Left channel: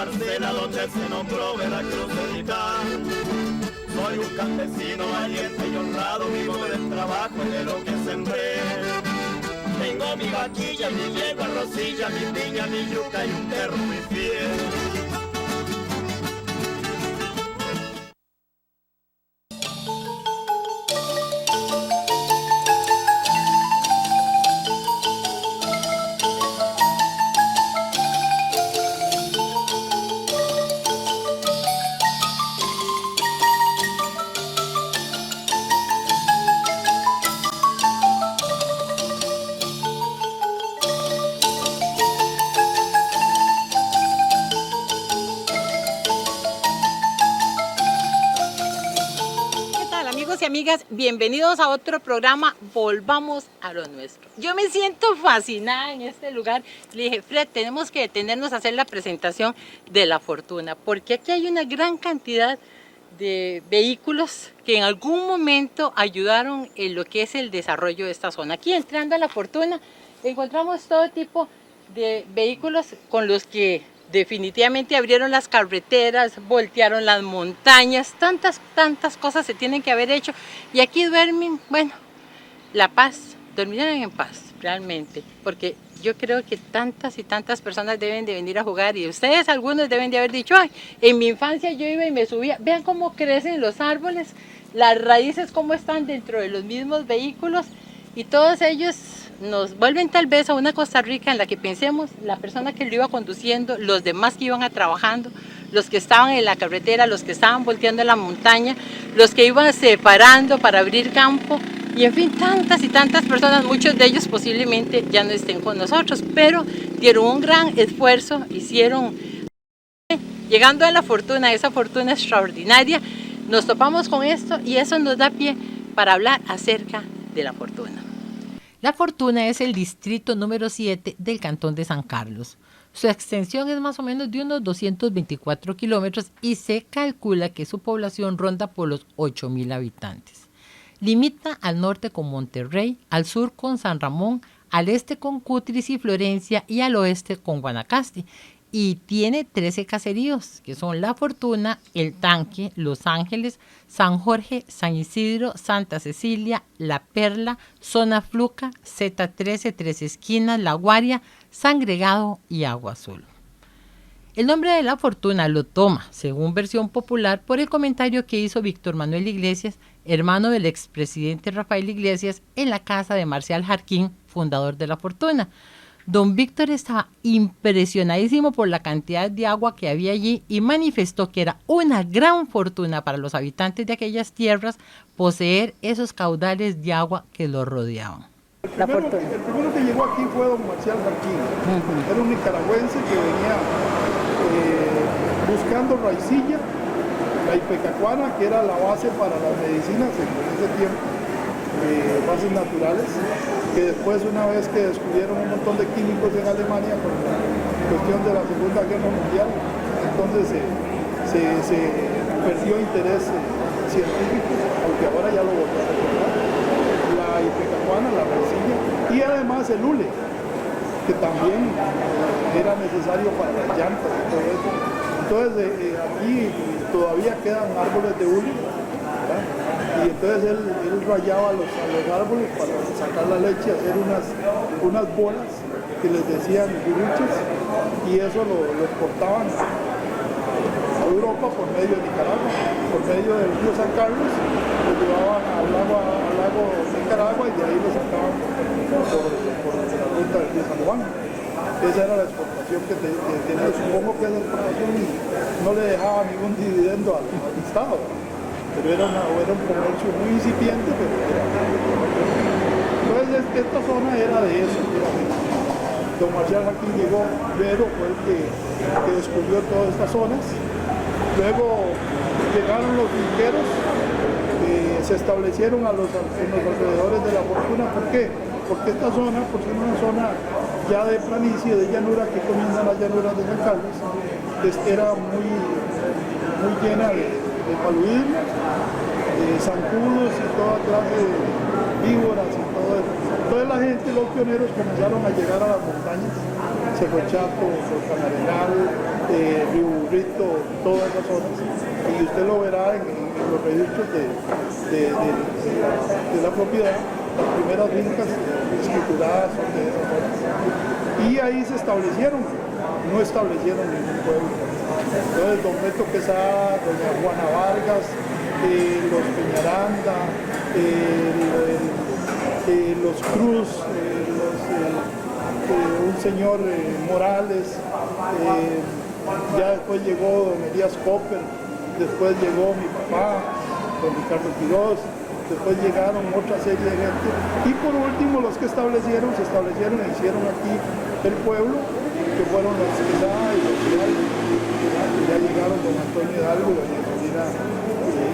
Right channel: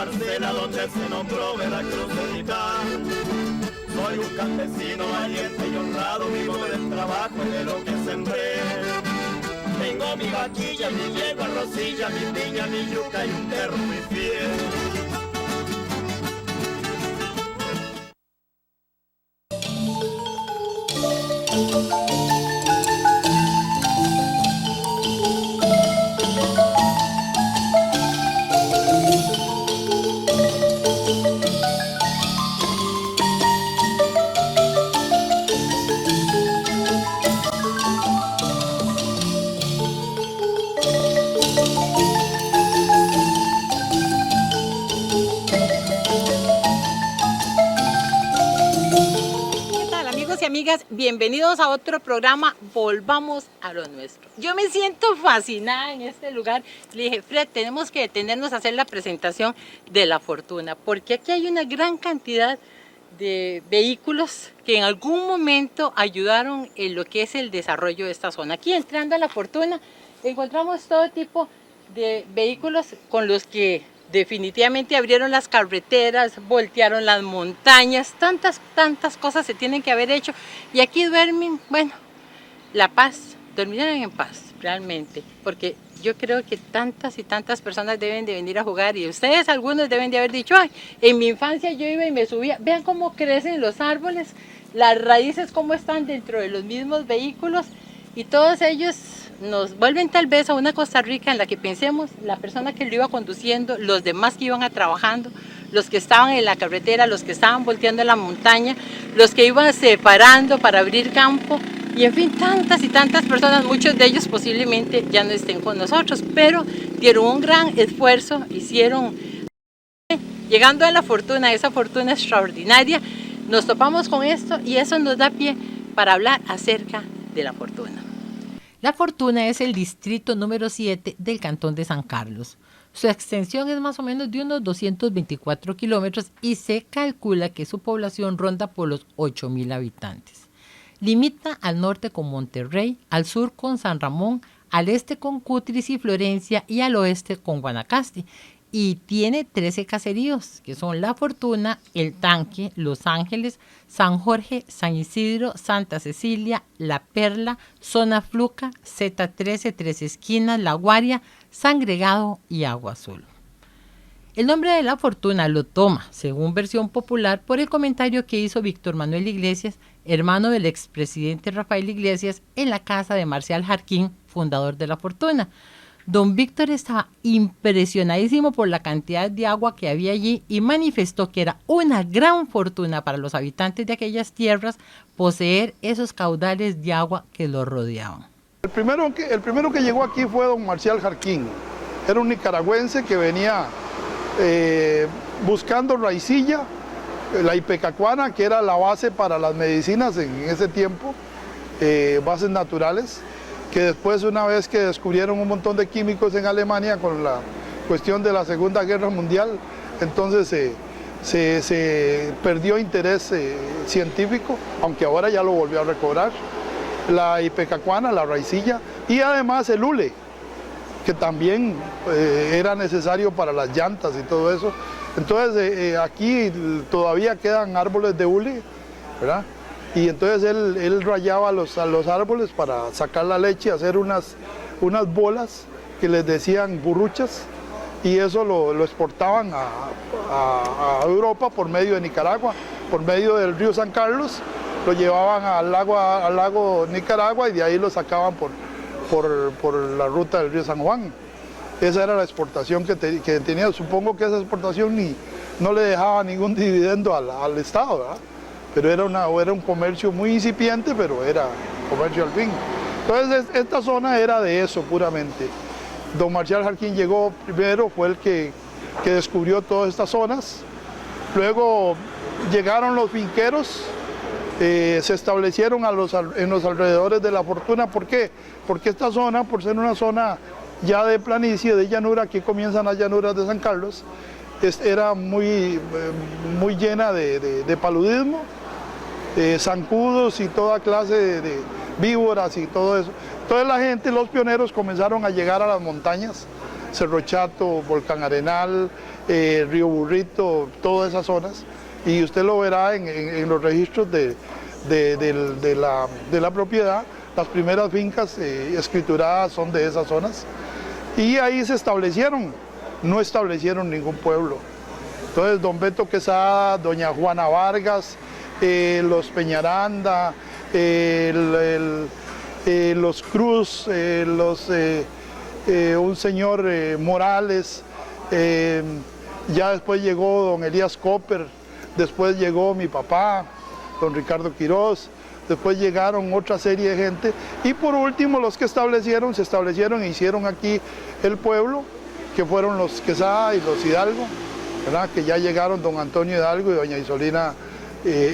parcela donde se nombró Veracruzita. Soy un campesino valiente y honrado, vivo del trabajo de lo que sembré. Tengo mi vaquilla, mi yegua rosilla, mi piña, mi yuca y un perro muy fiel. Y amigas, bienvenidos a otro programa, Volvamos a lo Nuestro. Yo me siento fascinada en este lugar. Le dije, Fred, tenemos que detenernos a hacer la presentación de La Fortuna, porque aquí hay una gran cantidad de vehículos que en algún momento ayudaron en lo que es el desarrollo de esta zona. Aquí entrando a La Fortuna encontramos todo tipo de vehículos con los que definitivamente abrieron las carreteras, voltearon las montañas, tantas cosas se tienen que haber hecho. Y aquí duermen, bueno, la paz, dormirán en paz, realmente. Porque yo creo que tantas y tantas personas deben de venir a jugar. Y ustedes, algunos, deben de haber dicho, ay, en mi infancia yo iba y me subía. Vean cómo crecen los árboles, las raíces cómo están dentro de los mismos vehículos. Y todos ellos nos vuelven tal vez a una Costa Rica en la que pensemos la persona que lo iba conduciendo, los demás que iban trabajando, los que estaban en la carretera, los que estaban volteando la montaña, los que iban separando para abrir campo y en fin, tantas y tantas personas, muchos de ellos posiblemente ya no estén con nosotros, pero dieron un gran esfuerzo, hicieron. Llegando a La Fortuna, esa fortuna extraordinaria, nos topamos con esto y eso nos da pie para hablar acerca de La Fortuna. La Fortuna es el distrito número 7 del cantón de San Carlos. Su extensión es más o menos de unos 224 kilómetros y se calcula que su población ronda por los 8,000 habitantes. Limita al norte con Monterrey, al sur con San Ramón, al este con Cutris y Florencia y al oeste con Guanacaste. Y tiene 13 caseríos, que son La Fortuna, El Tanque, Los Ángeles, San Jorge, San Isidro, Santa Cecilia, La Perla, Zona Fluca, Z13, Tres Esquinas, La Guaria, San Gregado y Agua Azul. El nombre de La Fortuna lo toma, según versión popular, por el comentario que hizo Víctor Manuel Iglesias, hermano del expresidente Rafael Iglesias, en la casa de Marcial Jarquín, fundador de La Fortuna. Don Víctor estaba impresionadísimo por la cantidad de agua que había allí y manifestó que era una gran fortuna para los habitantes de aquellas tierras poseer esos caudales de agua que los rodeaban. El primero que llegó aquí fue don Marcial Jarquín. Era un nicaragüense que venía buscando raicilla, la ipecacuana, que era la base para las medicinas en ese tiempo, bases naturales, que después, una vez que descubrieron un montón de químicos en Alemania con la cuestión de la Segunda Guerra Mundial, entonces se perdió interés científico, aunque ahora ya lo volvió a recobrar, la ipecacuana, la raicilla, y además el hule, que también era necesario para las llantas y todo eso. Entonces aquí todavía quedan árboles de hule, ¿verdad? Y entonces él rayaba los árboles para sacar la leche, hacer unas bolas que les decían burruchas, y eso lo exportaban a Europa por medio de Nicaragua, por medio del río San Carlos, lo llevaban al lago Nicaragua y de ahí lo sacaban por la ruta del río San Juan. Esa era la exportación que tenía. Supongo que esa exportación no le dejaba ningún dividendo al Estado, ¿verdad? Pero era un comercio muy incipiente, pero era un comercio al fin. Entonces esta zona era de eso puramente. Don Marcial Jarquín llegó primero, fue el que descubrió todas estas zonas. Luego llegaron los finqueros, se establecieron en los alrededores de La Fortuna. ¿Por qué? Porque esta zona, por ser una zona ya de planicie, de llanura, aquí comienzan las llanuras de San Carlos, era muy llena de paludismo, de zancudos y toda clase de víboras y todo eso. Entonces la gente, los pioneros, comenzaron a llegar a las montañas, Cerro Chato, Volcán Arenal, Río Burrito, todas esas zonas, y usted lo verá en los registros de la propiedad. Las primeras fincas escrituradas son de esas zonas, y ahí se establecieron, no establecieron ningún pueblo. Entonces don Beto Quesada, doña Juana Vargas, los Peñaranda, los Cruz, un señor Morales, ya después llegó don Elías Copper, después llegó mi papá, don Ricardo Quiroz, después llegaron otra serie de gente, y por último los que se establecieron e hicieron aquí el pueblo, que fueron los Quesada y los Hidalgo, ¿verdad? Que ya llegaron don Antonio Hidalgo y doña Isolina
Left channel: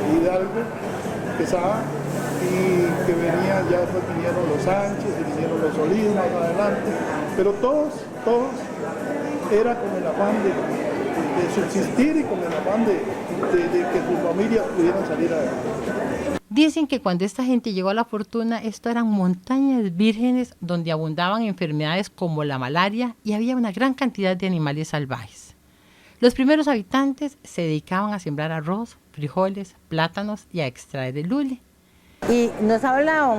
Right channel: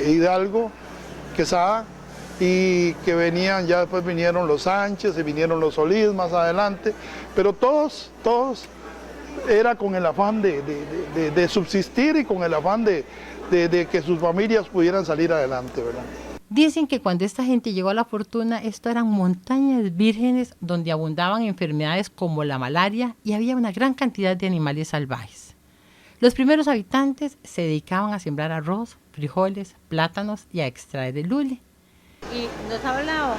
Hidalgo Quesada, y que venían, ya después vinieron los Sánchez y vinieron los Solís más adelante, pero todos era con el afán de subsistir y con el afán de que sus familias pudieran salir adelante. Dicen que cuando esta gente llegó a La Fortuna, esto eran montañas vírgenes donde abundaban enfermedades como la malaria y había una gran cantidad de animales salvajes. Los primeros habitantes se dedicaban a sembrar arroz, frijoles, plátanos y a extraer el lule. Y nos habla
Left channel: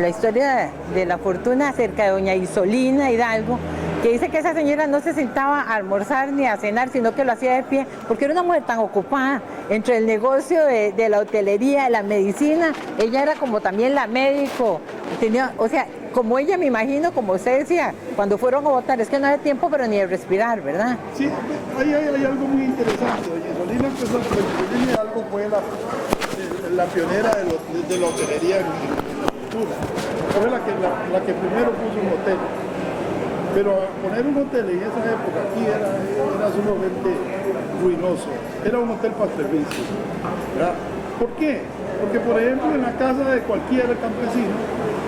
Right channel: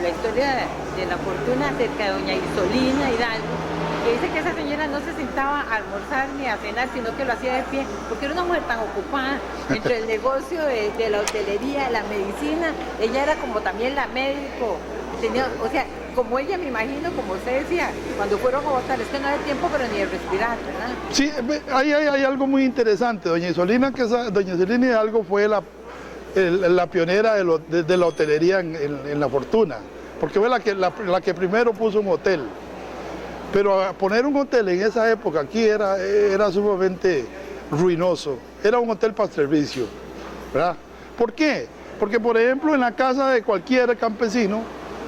la historia de La Fortuna acerca de doña Isolina Hidalgo, que dice que esa señora no se sentaba a almorzar ni a cenar, sino que lo hacía de pie, porque era una mujer tan ocupada entre el negocio de la hotelería, de la medicina. Ella era como también la médico, tenía, o sea, como ella, me imagino, como usted decía, cuando fueron a votar, es que no había tiempo pero ni de respirar, ¿verdad? Sí, hay algo muy interesante. Doña Isolina Hidalgo fue la pionera de la hotelería en La Fortuna, porque fue la que primero puso un hotel. Pero poner un hotel en esa época aquí era sumamente ruinoso, era un hotel para servicio, ¿verdad? ¿Por qué? Porque, por ejemplo, en la casa de cualquier campesino,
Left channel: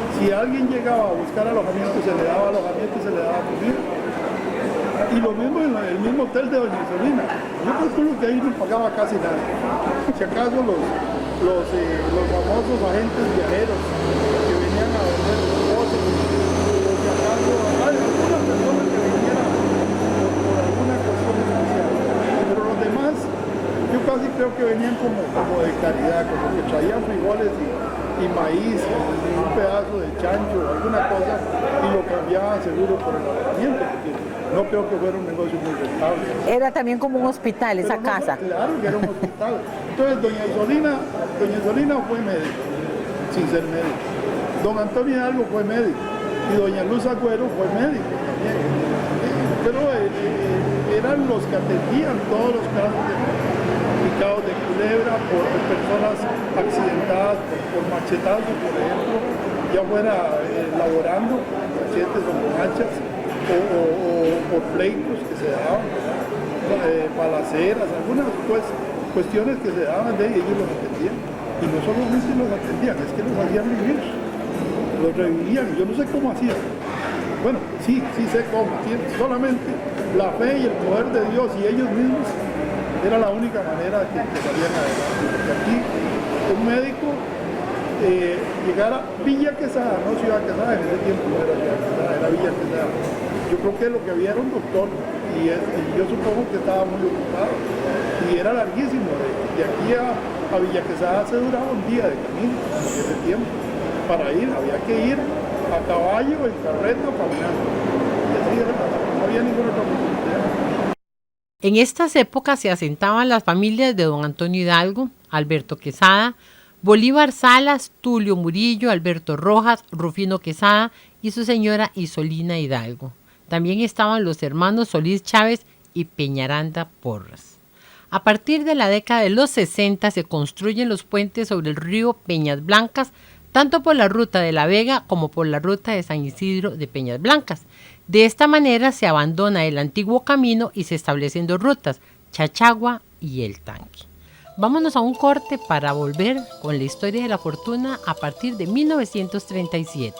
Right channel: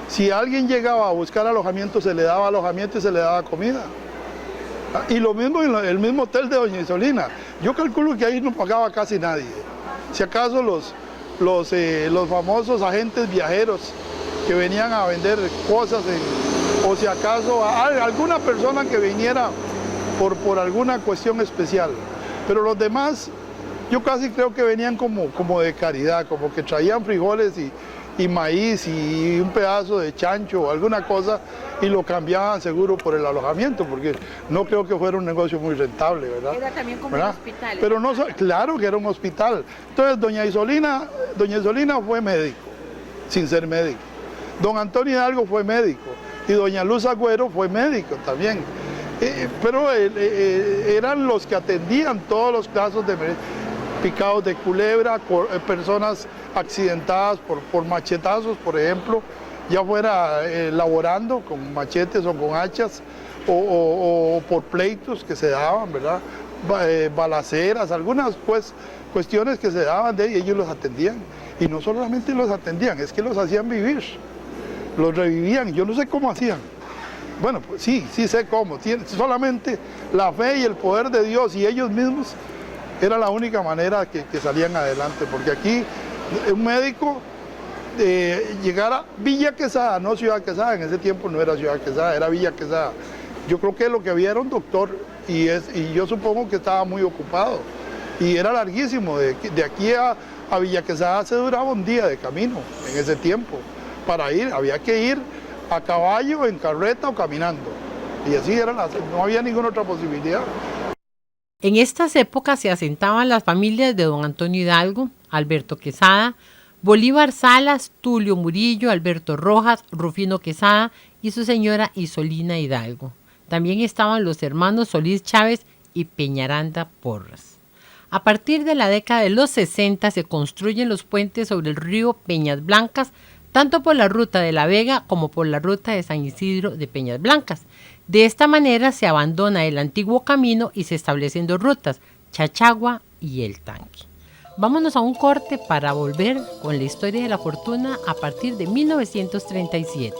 si alguien llegaba a buscar alojamiento, se le daba alojamiento y se le daba comida. Y lo mismo en el mismo hotel de doña Isolina. Yo calculo que ahí no pagaba casi nadie. Si acaso los famosos agentes viajeros que venían a vender cosas, o si acaso alguna persona que viniera por alguna cuestión especial. Pero los demás, yo casi creo que venían como de caridad, como que traían frijoles y maíz y un pedazo de chancho o alguna cosa y lo cambiaban seguro por el alojamiento, porque no creo que fuera un negocio muy rentable. Era también como un hospital esa casa. Claro que era un hospital. Entonces doña Isolina fue médico, sin ser médico. Don Antonio Hidalgo fue médico y doña Luz Agüero fue médico también. Pero eran los que atendían todos los casos de picados de culebra, por personas accidentadas por machetazos, por ejemplo, ya fuera laborando con machetes o con hachas, o por pleitos que se daban, ¿verdad? Balaceras, algunas cuestiones que se daban de ellos los atendían. Y no solamente los atendían, es que los hacían vivir, los revivían, yo no sé cómo hacían. Bueno, sí sé cómo, solamente la fe y el poder de Dios y ellos mismos era la única manera que salían adelante, porque aquí un médico llegar a Villa Quesada, no Ciudad Quesada, en ese tiempo no era Ciudad Quesada, era Villa Quesada. Yo creo que lo que había era un doctor y yo supongo que estaba muy ocupado y era larguísimo, de aquí a Villa Quesada se duraba un día de camino en ese tiempo. Para ir, había que ir a caballo, en carreta o caminando. Y así era, no había ninguna otra posibilidad. En estas épocas se asentaban las familias de don Antonio Hidalgo, Alberto Quesada, Bolívar Salas, Tulio Murillo, Alberto Rojas, Rufino Quesada y su señora Isolina Hidalgo. También estaban los hermanos Solís Chávez y Peñaranda Porras. A partir de la década de los 60 se construyen los puentes sobre el río Peñas Blancas, tanto por la ruta de La Vega como por la ruta de San Isidro de Peñas Blancas. De esta manera se abandona el antiguo camino y se establecen dos rutas, Chachagua y El Tanque. Vámonos a un corte para volver con la historia de La Fortuna a partir de 1937.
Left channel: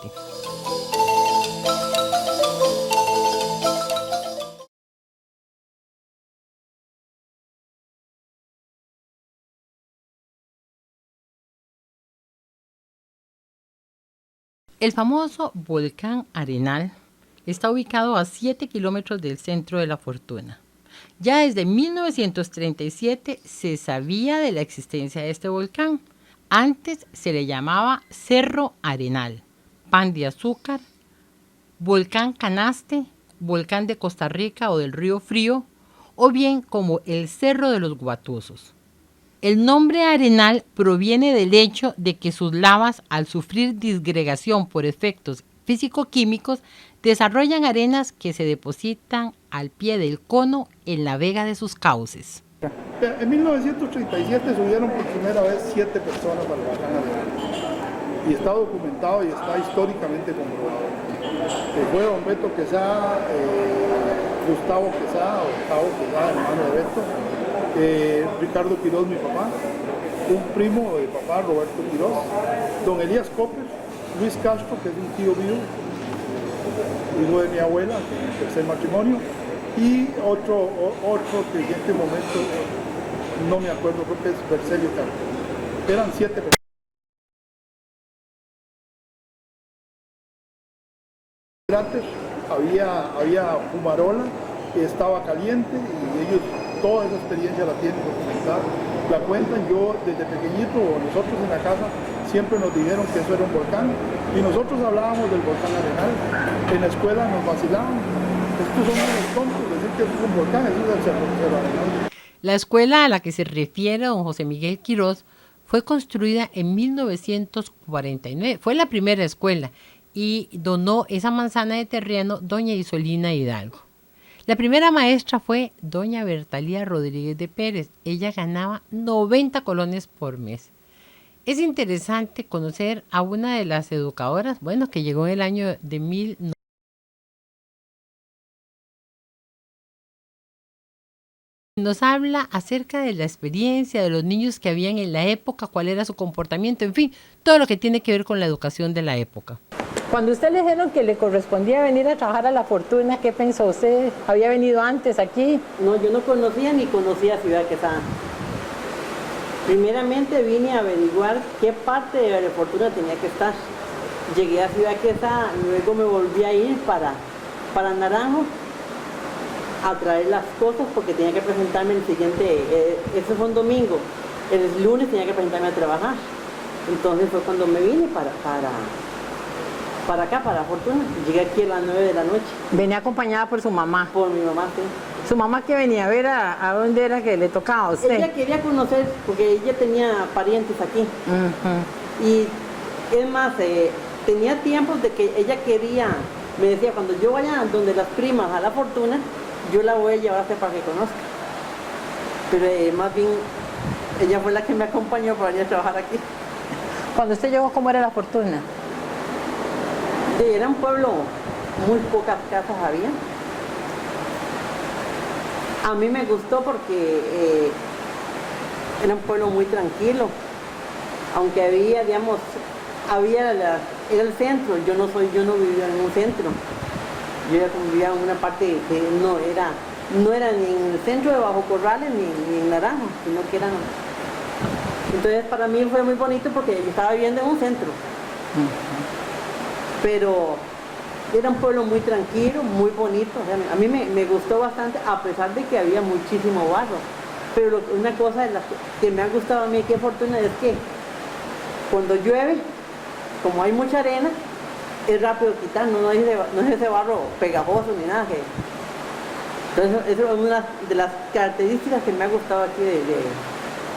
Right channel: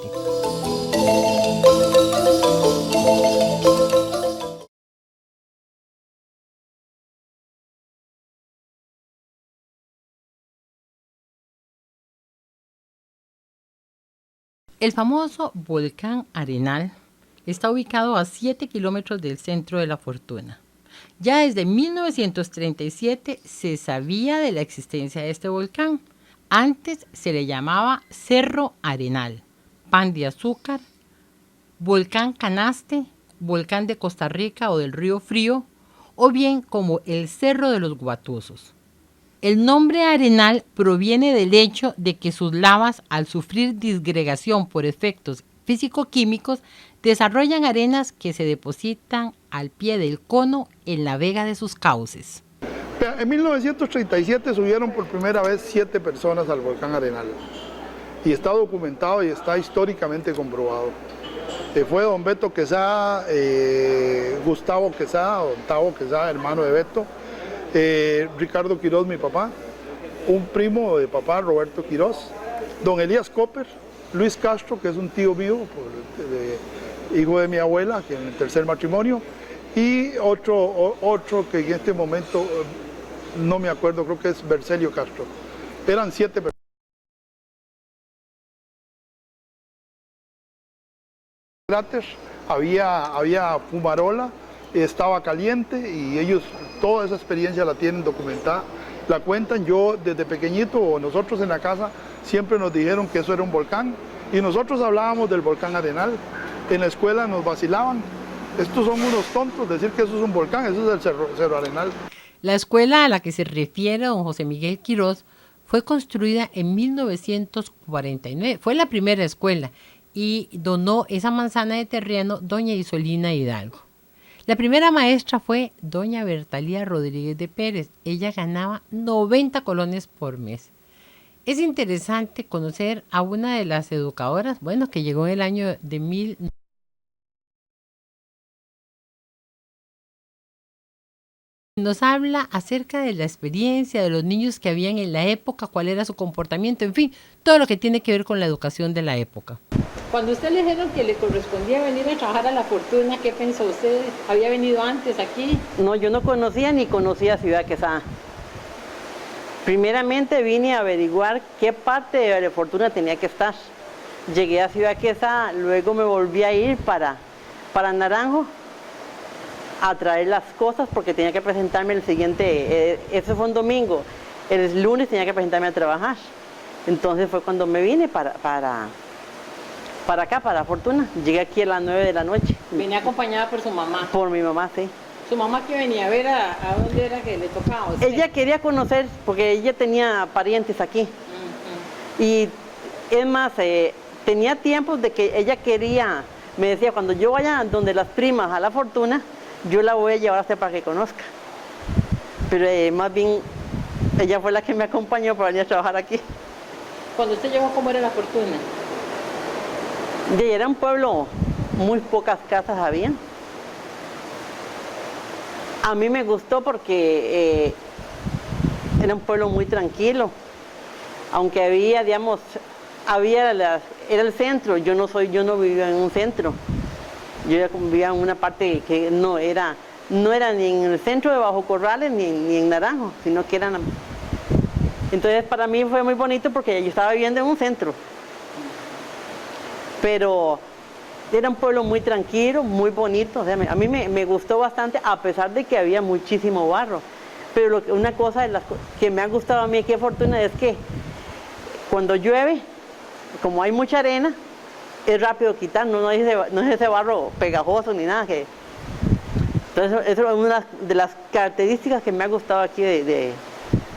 El famoso volcán Arenal está ubicado a 7 kilómetros del centro de La Fortuna. Ya desde 1937 se sabía de la existencia de este volcán. Antes se le llamaba Cerro Arenal, Pan de Azúcar, Volcán Canaste, Volcán de Costa Rica o del Río Frío, o bien como el Cerro de los Guatusos. El nombre Arenal proviene del hecho de que sus lavas, al sufrir disgregación por efectos físico-químicos, desarrollan arenas que se depositan al pie del cono en la vega de sus cauces. En 1937 subieron por primera vez 7 personas al volcán Arenal y está documentado y está históricamente comprobado. Fue don Beto Quesada, Gustavo Quesada, Octavo Quesada, hermano de Beto, Ricardo Quiroz, mi papá, un primo de papá, Roberto Quiroz, don Elías Copper, Luis Castro, que es un tío mío, hijo de mi abuela, que es mi tercer matrimonio, y otro que en este momento no me acuerdo, creo que es Bercelio Castro. Eran 7 personas. Había fumarola, estaba caliente y ellos toda esa experiencia la tienen documentada, la cuentan. Yo desde pequeñito, o nosotros en la casa, siempre nos dijeron que eso era un volcán y nosotros hablábamos del volcán Arenal. En la escuela nos vacilaban, estos son unos tontos, decir que eso es un volcán, eso es el Cerro Arenal. La escuela a la que se refiere don José Miguel Quiroz fue construida en 1949, fue la primera escuela y donó esa manzana de terreno doña Isolina Hidalgo. La primera maestra fue doña Bertalía Rodríguez de Pérez. Ella ganaba 90 colones por mes. Es interesante conocer a una de las educadoras, que llegó en el año de 1900. Nos habla acerca de la experiencia de los niños que habían en la época, cuál era su comportamiento, en fin, todo lo que tiene que ver con la educación de la época. Cuando usted le dijeron que le correspondía venir a trabajar a La Fortuna, ¿qué pensó usted? ¿Había venido antes aquí? No, yo no conocía ni conocía Ciudad Quesada. Primeramente vine a averiguar qué parte de La Fortuna tenía que estar. Llegué a Ciudad Quesada, luego me volví a ir para Naranjo a traer las cosas porque tenía que presentarme el siguiente, eso fue un domingo, el lunes tenía que presentarme a trabajar. Entonces fue cuando me vine para acá, para Fortuna. Llegué aquí a las 9 de la noche. Venía acompañada por su mamá. Por mi mamá, sí. ¿Su mamá que venía a ver a dónde era que le tocaba a usted? Ella quería conocer, porque ella tenía parientes aquí. Y es más, tenía tiempos de que ella quería, me decía, cuando yo vaya donde las primas a La Fortuna, yo la voy a llevar hasta para que conozca. Pero más bien, ella fue la que me acompañó para venir a trabajar aquí. Cuando usted llegó, ¿cómo era La Fortuna? Era un pueblo, muy pocas casas había. A mí me gustó porque era un pueblo muy tranquilo, aunque había, digamos, era el centro. Yo no vivía en un centro. Yo vivía en una parte que no era ni en el centro de Bajo Corrales ni en Naranjo, sino que era. Entonces para mí fue muy bonito porque yo estaba viviendo en un centro. Pero era un pueblo muy tranquilo, muy bonito. O sea, a mí me gustó bastante, a pesar de que había muchísimo barro. Pero una cosa de las que me ha gustado a mí, qué fortuna, es que cuando llueve, como hay mucha arena, es rápido quitar, no es ese barro pegajoso ni nada. Entonces, eso es una de las características que me ha gustado aquí de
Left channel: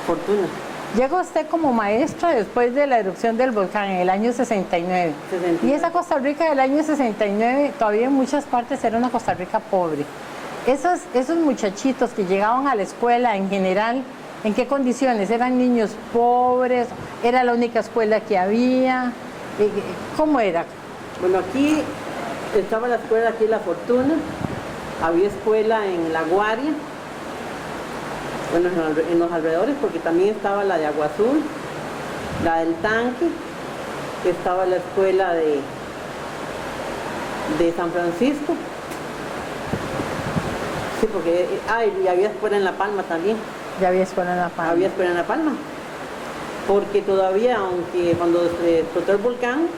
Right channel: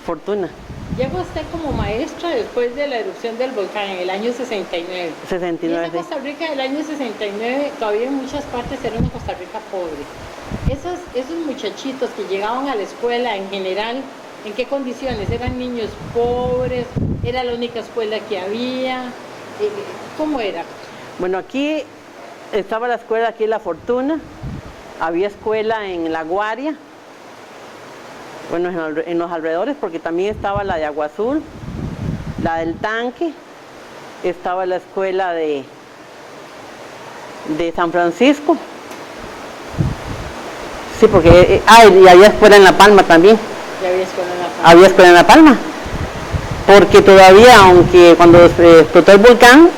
Fortuna. Llegó usted como maestra después de la erupción del volcán en el año 69. 69. Y esa Costa Rica del año 69 todavía en muchas partes era una Costa Rica pobre. Esos muchachitos que llegaban a la escuela en general, ¿en qué condiciones? ¿Eran niños pobres? ¿Era la única escuela que había? ¿Cómo era? Bueno, aquí estaba la escuela, aquí La Fortuna, había escuela en La Guaria, bueno, en los alrededores, porque también estaba la de Agua Azul, la del Tanque, estaba la escuela de San Francisco. Sí, porque y había escuela en La Palma también. Ya había escuela en La Palma. Había escuela en La Palma, porque todavía, aunque cuando explotó el volcán,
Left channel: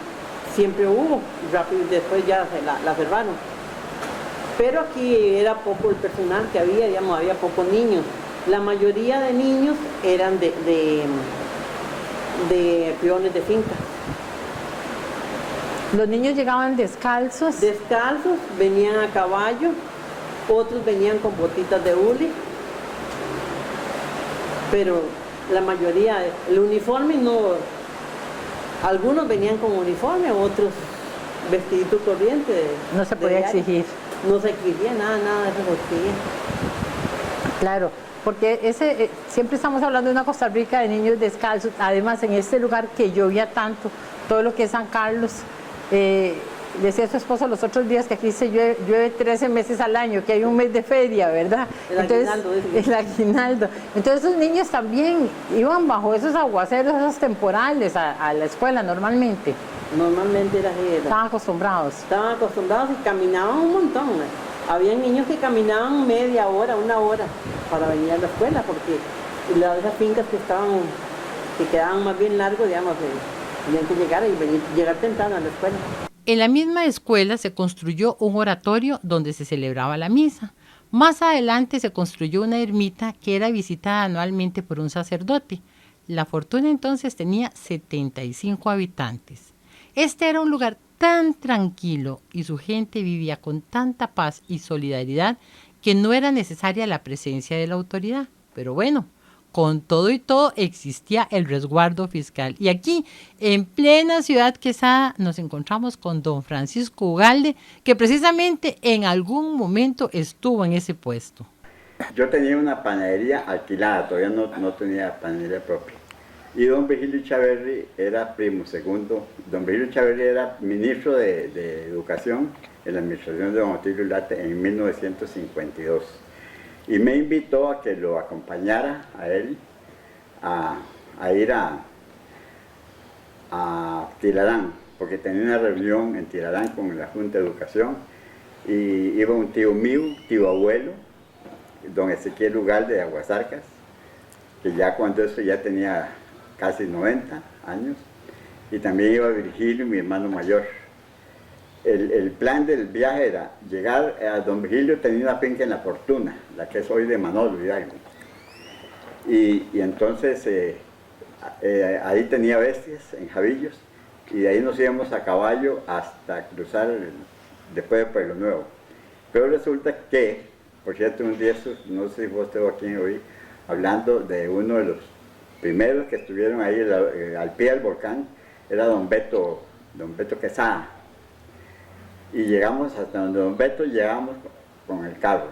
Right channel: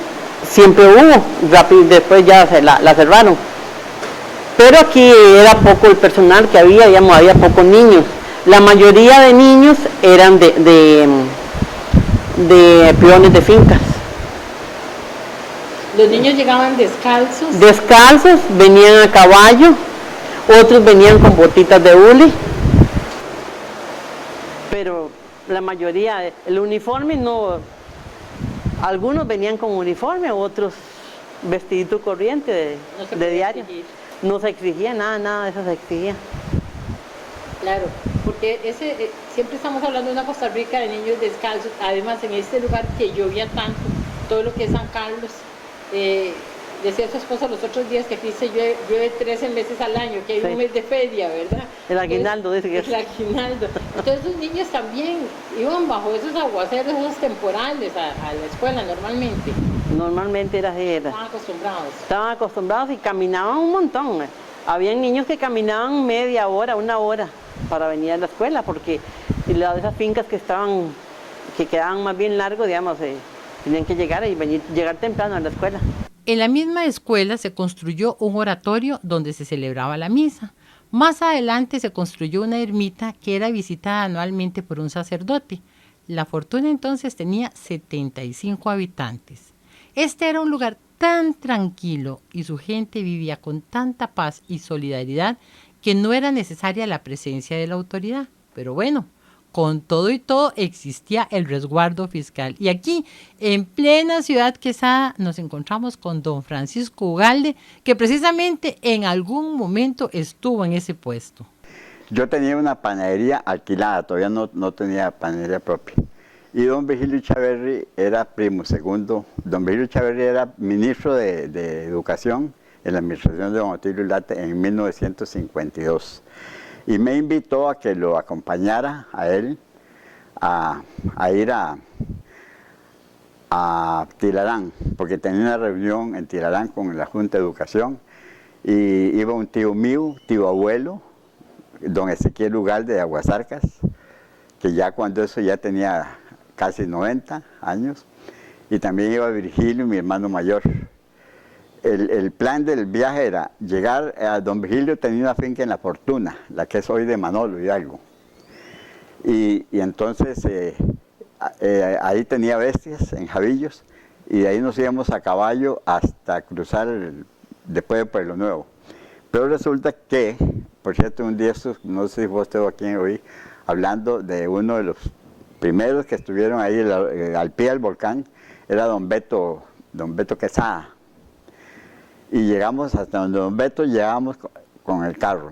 siempre hubo, rápido, después ya la cerraron. Pero aquí era poco el personal que había, digamos, había pocos niños. La mayoría de niños eran de peones de fincas. Los niños llegaban descalzos. Descalzos, venían a caballo, otros venían con botitas de hule. Pero la mayoría, el uniforme no, algunos venían con uniforme, otros vestidito corriente. No se de podía diario. exigir. No se exigía nada de eso se exigía. Claro, porque siempre estamos hablando de una Costa Rica de niños descalzos, además en este lugar que llovía tanto, todo lo que es San Carlos, decía su esposo los otros días que aquí se llueve 13 meses al año, que hay un mes de feria, ¿verdad? El aguinaldo, dice que el aguinaldo. Entonces esos niños también iban bajo esos aguaceros, esos temporales a la escuela normalmente. Normalmente era así. Estaban acostumbrados. Estaban acostumbrados y caminaban un montón. Habían niños que caminaban media hora, una hora para venir a la escuela, porque esas fincas que quedaban más bien largos, digamos, tenían que llegar llegar temprano a la escuela. En la misma escuela se construyó un oratorio donde se celebraba la misa. Más adelante se construyó una ermita que era visitada anualmente por un sacerdote. La Fortuna entonces tenía 75 habitantes. Este era un lugar tan tranquilo y su gente vivía con tanta paz y solidaridad que no era necesaria la presencia de la autoridad. Pero bueno, con todo y todo existía el resguardo fiscal. Y aquí, en plena Ciudad Quesada, nos encontramos con don Francisco Ugalde, que precisamente en algún momento estuvo en ese puesto. Yo tenía una panadería alquilada, todavía no tenía panadería propia. Y don Virgilio Chaverri era primo segundo. Don Virgilio Chaverri era ministro de Educación en la administración de don Otilio Late en 1952. Y me invitó a que lo acompañara a él a ir a Tilarán, porque tenía una reunión en Tilarán con la Junta de Educación. Y iba un tío mío, tío abuelo, don Ezequiel Ugalde de Aguasarcas, que ya cuando eso ya tenía casi 90 años, y también iba Virgilio, mi hermano mayor. El plan del viaje era llegar a don Virgilio, tenía una finca en La Fortuna, la que es hoy de Manolo y algo. Y entonces ahí tenía bestias en Javillos, y de ahí nos íbamos a caballo hasta cruzar después de Pueblo Nuevo. Pero resulta que, por cierto, un día, no sé si vos estuvo aquí hoy, hablando de uno de los primeros que estuvieron ahí al pie del volcán, era don Beto Quesada. Y llegamos hasta donde don Beto, llegamos con el carro,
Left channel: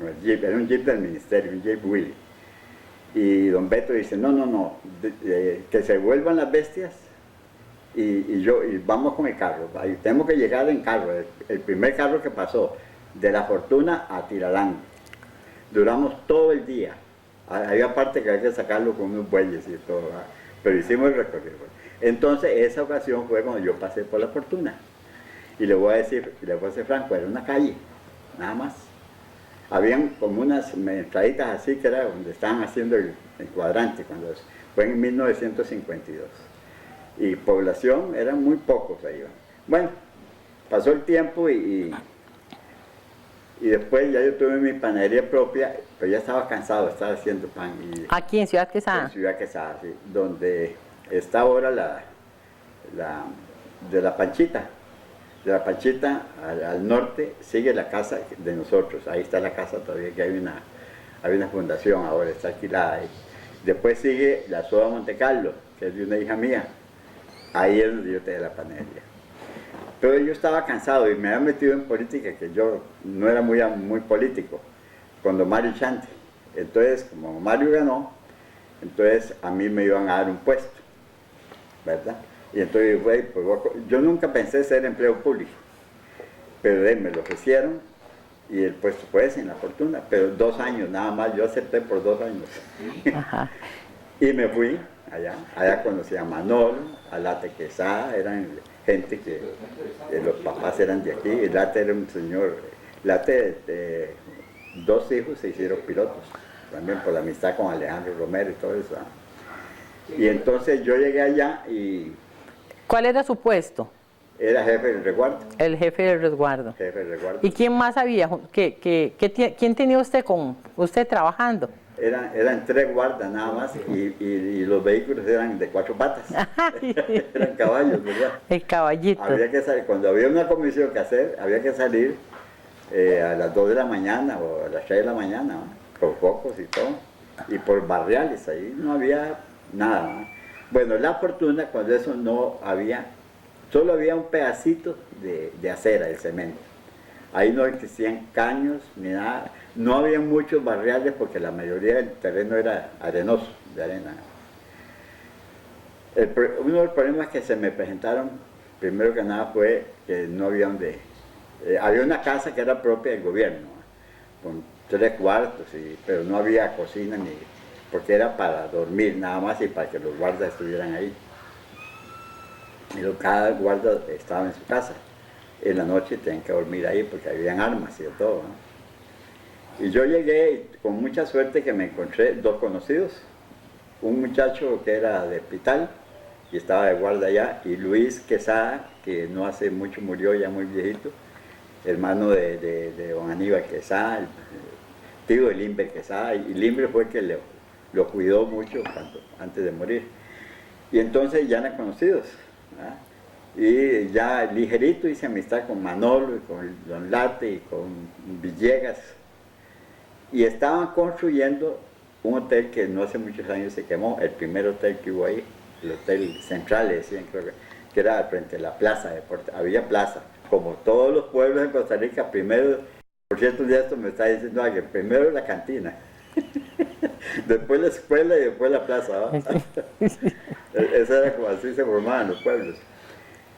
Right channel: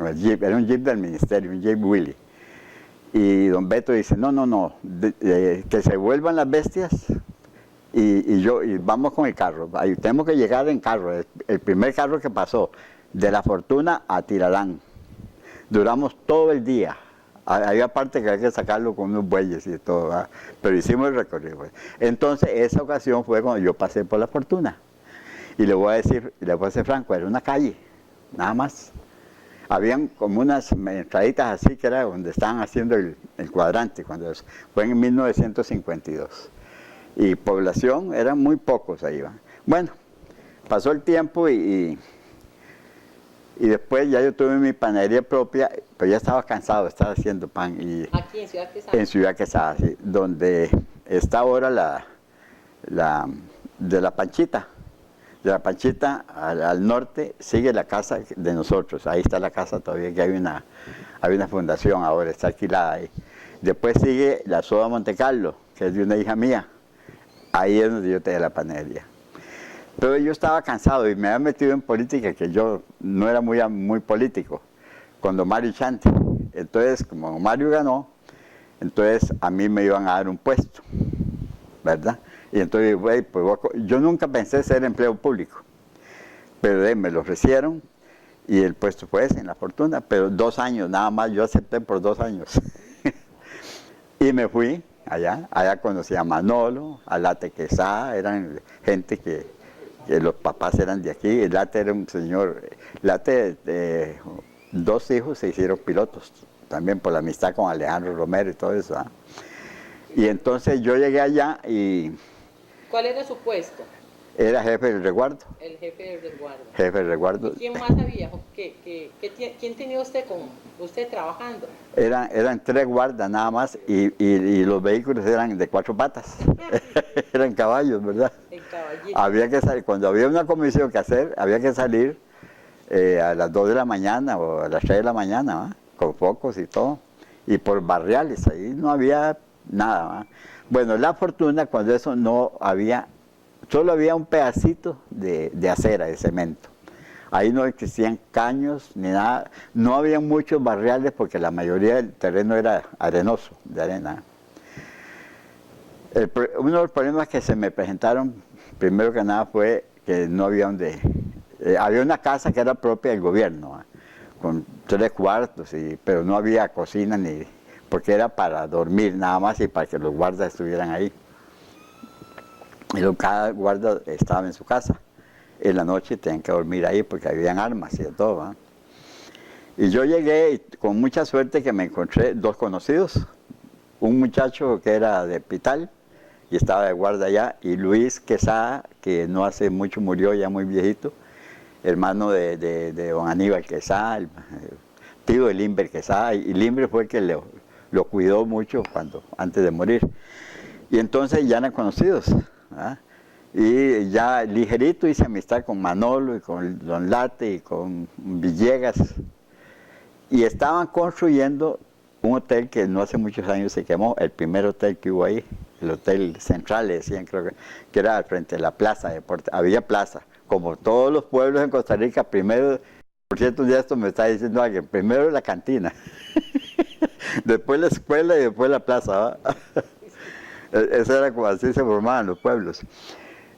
el jeep, era un jeep del ministerio, un jeep Willy. Y don Beto dice, no, que se vuelvan las bestias y vamos con el carro. Ahí tenemos que llegar en carro, el primer carro que pasó, de La Fortuna a Tilarán. Duramos todo el día. Había parte que había que sacarlo con unos bueyes y todo, ¿verdad? Pero hicimos el recorrido. Entonces, esa ocasión fue cuando yo pasé por La Fortuna. Y le voy a ser franco, era una calle, nada más. Habían como unas entraditas así, que era donde estaban haciendo el cuadrante, cuando fue en 1952. Y población, eran muy pocos ahí. Bueno, pasó el tiempo y después ya yo tuve mi panadería propia, pero ya estaba cansado de estar haciendo pan. Aquí en Ciudad Quesada. En Ciudad Quesada, sí, donde está ahora de la Panchita. De la Panchita al norte sigue la casa de nosotros, ahí está la casa todavía, que hay una fundación ahora, está alquilada ahí. Después sigue la Soda Montecarlo, que es de una hija mía, ahí es donde yo tenía la panadería. Pero yo estaba cansado y me había metido en política, que yo no era muy político, con don Mario Chante. Entonces, como don Mario ganó, entonces a mí me iban a dar un puesto, ¿verdad? Y entonces, pues, yo nunca pensé ser empleo público, pero me lo ofrecieron y el puesto fue ese, en La Fortuna, pero 2 años nada más, yo acepté por 2 años. Ajá. Y me fui allá conocí a Manolo, a Late Quesada, eran gente que los papás eran de aquí, y Late era un señor, Late, 2 hijos se hicieron pilotos, también por la amistad con Alejandro Romero y todo eso. Y entonces yo llegué allá y... ¿Cuál era su puesto? Era jefe del resguardo. El jefe del resguardo. Jefe del resguardo. ¿Y quién más había? ¿Quién tenía usted con usted trabajando? Eran 3 guardas nada más y los vehículos eran de 4 patas. Eran caballos, ¿verdad? El caballito. Había que salir, cuando había una comisión que hacer, había que salir a las 2 de la mañana o a las 3 de la mañana, ¿va? Con focos y todo. Y por barriales, ahí no había nada, ¿va? Bueno, la fortuna cuando eso no había, solo había un pedacito de acera, de cemento. Ahí no existían caños ni nada, no había muchos barriales porque la mayoría del terreno era arenoso, de arena. Uno de los problemas que se me presentaron, primero que nada, fue que no había donde... había una casa que era propia del gobierno, ¿va? Con 3 cuartos, pero no había cocina ni... porque era para dormir nada más y para que los guardas estuvieran ahí. Y cada guarda estaba en su casa. En la noche tenían que dormir ahí porque habían armas y de todo, ¿va? Y yo llegué y con mucha suerte que me encontré 2 conocidos. Un muchacho que era de Pital y estaba de guarda allá, y Luis Quesada, que no hace mucho murió, ya muy viejito, hermano de don Aníbal Quesada, tío de Limber Quesada, y Limber fue el que lo cuidó mucho antes de morir. Y entonces ya eran conocidos, ¿verdad? Y ya ligerito hice amistad con Manolo y con Don Late y con Villegas. Y estaban construyendo un hotel que no hace muchos años se quemó, el primer hotel que hubo ahí, el Hotel Central, le decían, creo que era frente a la plaza, había plaza. Como todos los pueblos en Costa Rica, primero, por cierto, ya esto me está diciendo que primero la cantina, después la escuela y después la plaza, ¿va? Eso era como así se formaban los pueblos.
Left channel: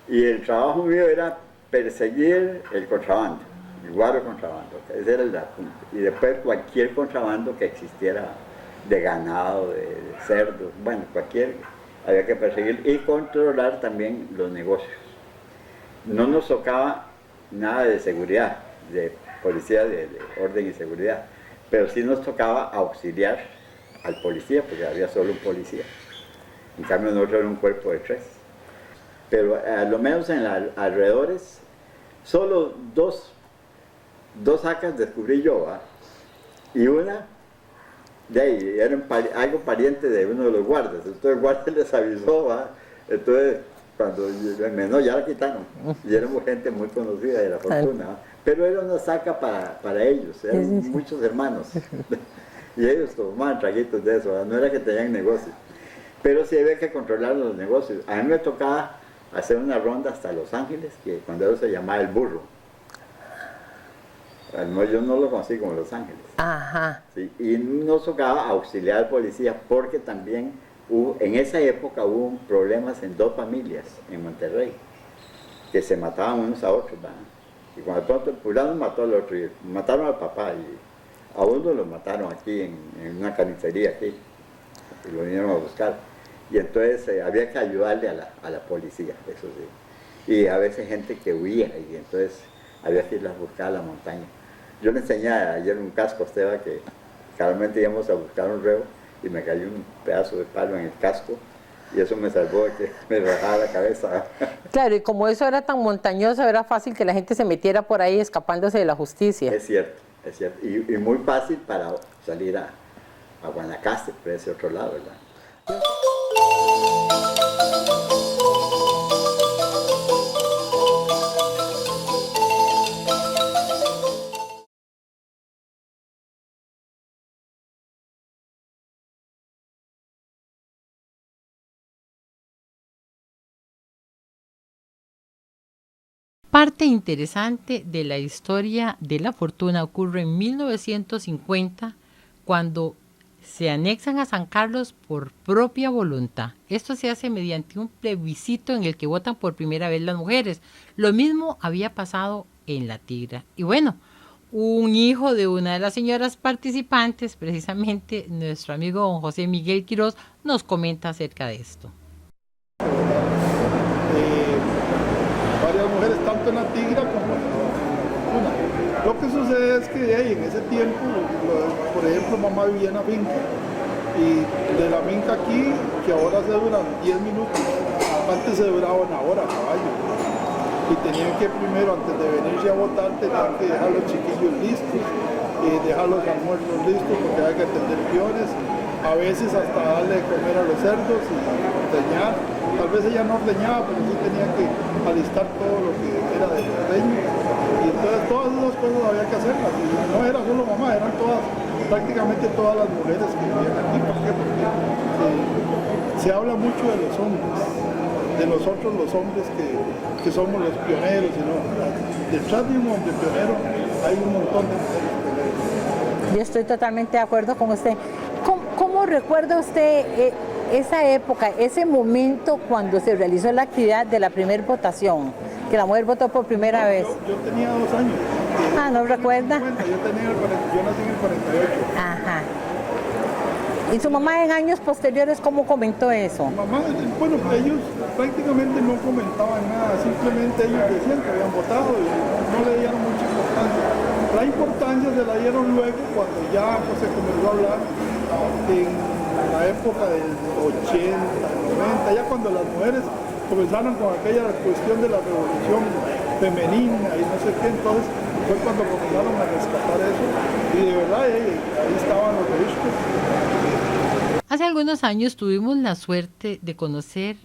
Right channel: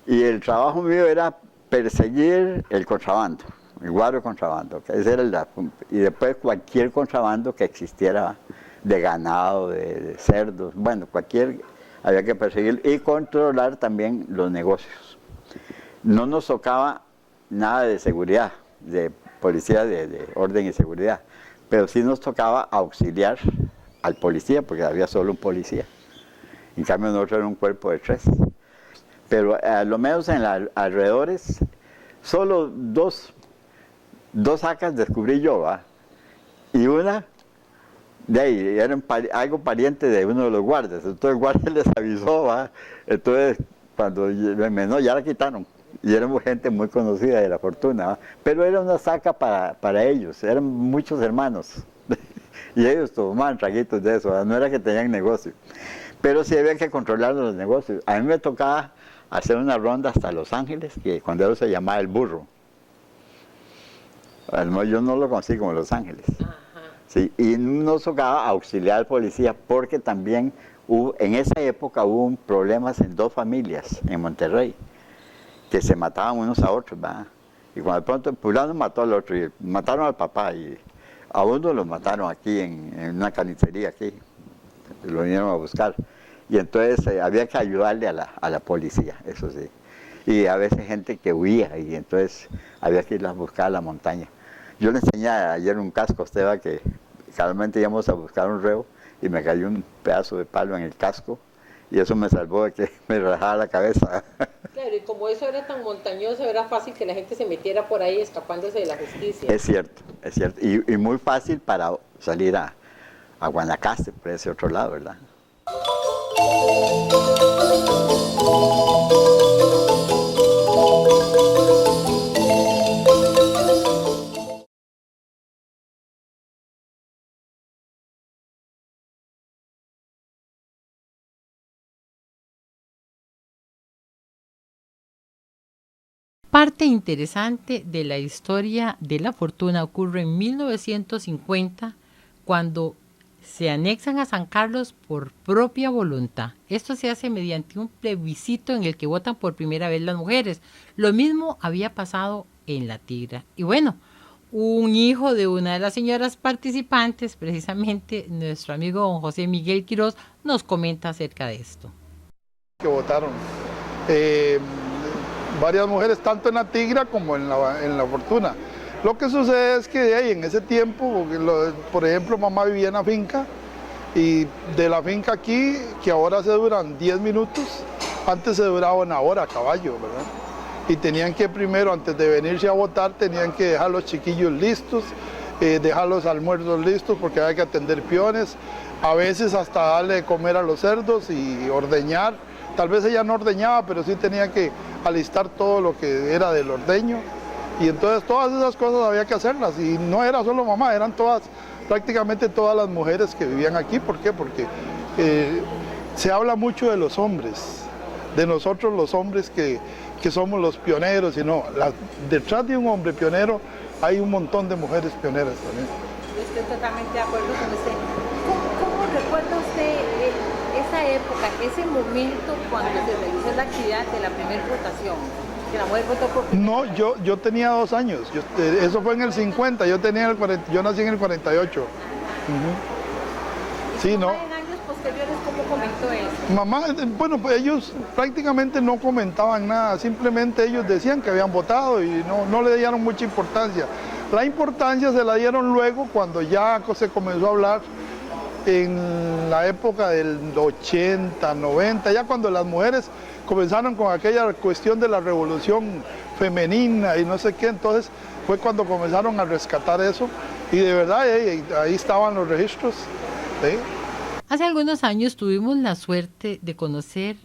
Y el trabajo mío era perseguir el contrabando, el guaro contrabando. Ese era y después cualquier contrabando que existiera de ganado, de cerdos, bueno, había que perseguir y controlar también los negocios. No nos tocaba nada de seguridad, de policía de orden y seguridad, pero sí nos tocaba auxiliar al policía, porque había solo un policía. En cambio nosotros era un cuerpo de 3. Pero a lo menos en los alrededores, solo dos acas descubrí yo, ¿va? Y una de ahí, era algo pariente de uno de los guardas. Entonces el guardia les avisó, ¿va? Entonces cuando no, ya la quitaron. Y éramos gente muy conocida de la fortuna, ¿va? Pero era una saca para ellos, eran muchos hermanos. Y ellos tomaban traguitos de eso, ¿va? No era que tenían negocio. Pero sí había que controlar los negocios. A mí me tocaba hacer una ronda hasta Los Ángeles, que cuando eso se llamaba El Burro. No, yo no lo conocí como Los Ángeles. Ajá. Sí, y nos tocaba auxiliar al policía porque también en esa época hubo problemas en 2 familias en Monterrey, que se mataban unos a otros, ¿va? Y cuando de pronto fulano mató al otro, y mataron al papá, y a uno lo mataron aquí en una carnicería aquí, y lo vinieron a buscar. Y entonces había que ayudarle a la policía, eso sí. Y a veces gente que huía, y entonces había que irlos a buscar a la montaña. Yo le enseñé ayer un casco a Esteban que realmente íbamos a buscar un reo y me cayó un pedazo de palo en el casco y eso me salvó de que me rajaba la cabeza. Claro, y como eso era tan montañoso, era fácil que la gente se metiera por ahí escapándose de la justicia. Es cierto, es cierto. Y muy fácil para salir a Guanacaste, por ese otro lado, ¿verdad? Parte interesante de la historia de la fortuna ocurre en 1950, cuando se anexan a San Carlos por propia voluntad. Esto se hace mediante un plebiscito en el que votan por primera vez las mujeres. Lo mismo había pasado en La Tigra. Y bueno, un hijo de una de las señoras participantes, precisamente nuestro amigo don José Miguel Quiroz, nos comenta acerca de esto. Que votaron. Varias mujeres, tanto en La Tigra como en la Fortuna. Lo que sucede es que en ese tiempo, por ejemplo, mamá vivía en la finca, y de la finca aquí, que ahora se duran 10 minutos, antes se duraba 1 hora a caballo. y tenían que primero, antes de venirse a votar, tenían que dejar los chiquillos listos, dejar los almuerzos listos porque hay que atender peones, a veces hasta darle de comer a los cerdos y ordeñar. Tal vez ella no ordeñaba, pero sí tenía que alistar todo lo que era del ordeño. Y entonces todas esas cosas había que hacerlas. Y no era solo mamá, eran todas, prácticamente todas las mujeres que vivían aquí. ¿Por qué? Porque se habla mucho de los hombres, de nosotros los hombres que somos los pioneros, y no, detrás de un hombre pionero hay un montón de mujeres pioneras. Yo estoy totalmente de acuerdo con usted. ¿Cómo recuerda usted esa época, ese momento cuando se realizó la actividad de la primera votación? Que la mujer votó por primera vez. Yo tenía 2 años, eso ¿no fue en el recuerda? 50, yo nací en el 48. Ajá. ¿Y su Sí, mamá no. en años posteriores cómo comentó eso? Mamá, bueno, pues ellos prácticamente no comentaban nada, simplemente ellos decían que habían votado y no le dieron mucha importancia. La importancia se la dieron luego cuando ya pues, se comenzó a hablar en la época del 80, 90, ya cuando las mujeres comenzaron con aquella cuestión de la revolución femenina y no sé qué, entonces fue cuando comenzaron a rescatar eso y de verdad ahí estaban los registros. Sí. Hace algunos años tuvimos la suerte de conocer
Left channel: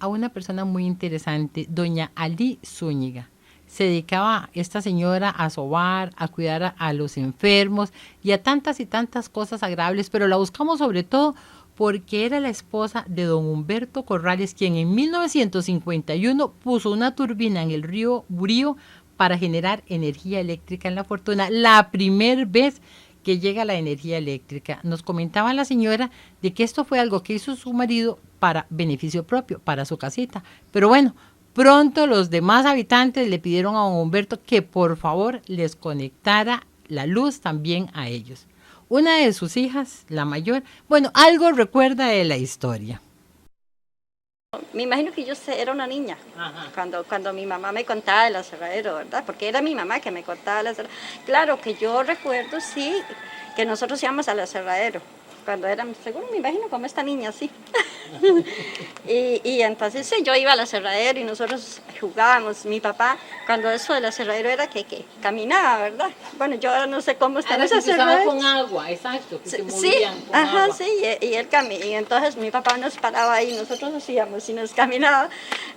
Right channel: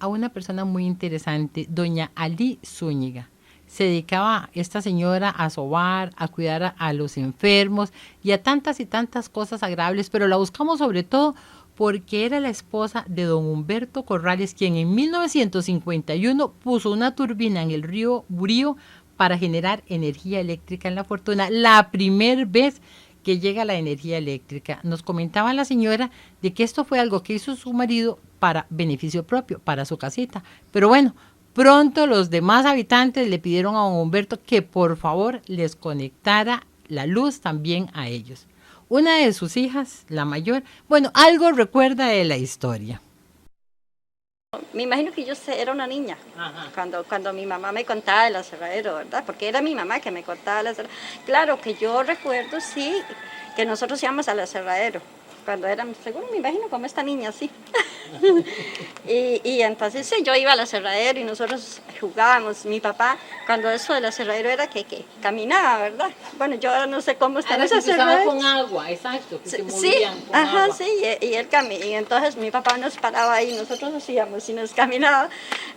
a una persona muy interesante, doña Ali Zúñiga. Se dedicaba esta señora a sobar, a cuidar a los enfermos y a tantas y tantas cosas agradables, pero la buscamos sobre todo porque era la esposa de don Humberto Corrales, quien en 1951 puso una turbina en el río Burío para generar energía eléctrica en La Fortuna, la primera vez que llega la energía eléctrica. Nos comentaba la señora de que esto fue algo que hizo su marido para beneficio propio, para su casita. Pero bueno, pronto los demás habitantes le pidieron a don Humberto que por favor les conectara la luz también a ellos. Una de sus hijas, la mayor, bueno, algo recuerda de la historia. Me imagino que yo era una niña cuando mi mamá me contaba del aserradero, ¿verdad? Porque era mi mamá que me contaba el aserradero. Claro que yo recuerdo, sí, que nosotros íbamos al aserradero cuando eran, seguro me imagino como esta niña, sí. y entonces sí, yo iba al aserradero y nosotros jugábamos. Mi papá, cuando eso del aserradero era que caminaba, ¿verdad? Bueno, yo ahora no sé cómo está ese aserradero. Con agua, exacto, que se Sí, movían con ajá, agua. sí, y él y entonces mi papá nos paraba ahí, nosotros hacíamos y nos caminaba,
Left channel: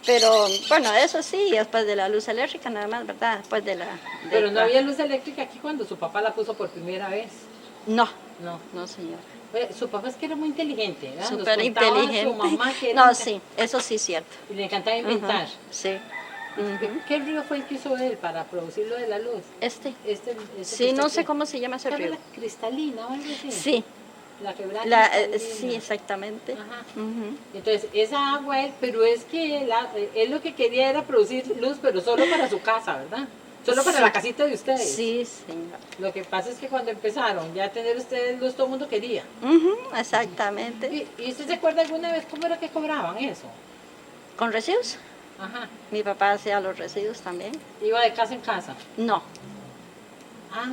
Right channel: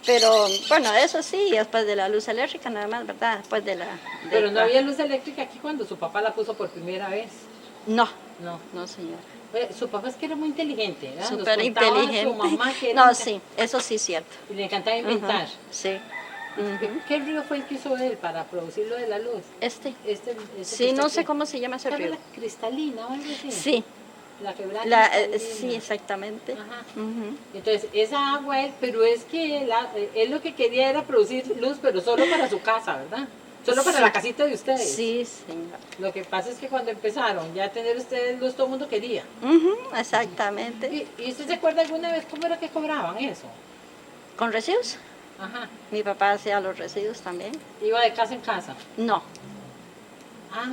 pero bueno, eso sí, después de la luz eléctrica nada más, ¿verdad? Después de Pero no había luz eléctrica aquí cuando su papá la puso por primera vez. No, No. no señor. Su papá es que era muy inteligente, ¿verdad? Nos Súper contaba inteligente. Su mamá que era No, sí, eso sí es cierto. y le encantaba inventar. Ujú, sí. Ujú. ¿Qué río fue el que hizo él para producir lo de la luz? Este. Este Sí, no sé que- cómo se llama ese ¿Sabe río. la cristalina o algo así? Sí, La quebrada cristalina. sí, exactamente. Ajá. Ujú. Entonces, esa agua, pero es que él lo que quería era producir luz, pero solo para su casa, ¿verdad? Solo para Sí. la casita de ustedes. Sí, señor. Lo que pasa es que cuando empezaron ya a tener ustedes luz, todo el mundo quería. Ujú, exactamente. ¿Y usted se acuerda alguna vez cómo era que cobraban eso? ¿Con residuos? Ajá. Mi papá hacía los residuos también. Iba de casa en casa. No, Ah,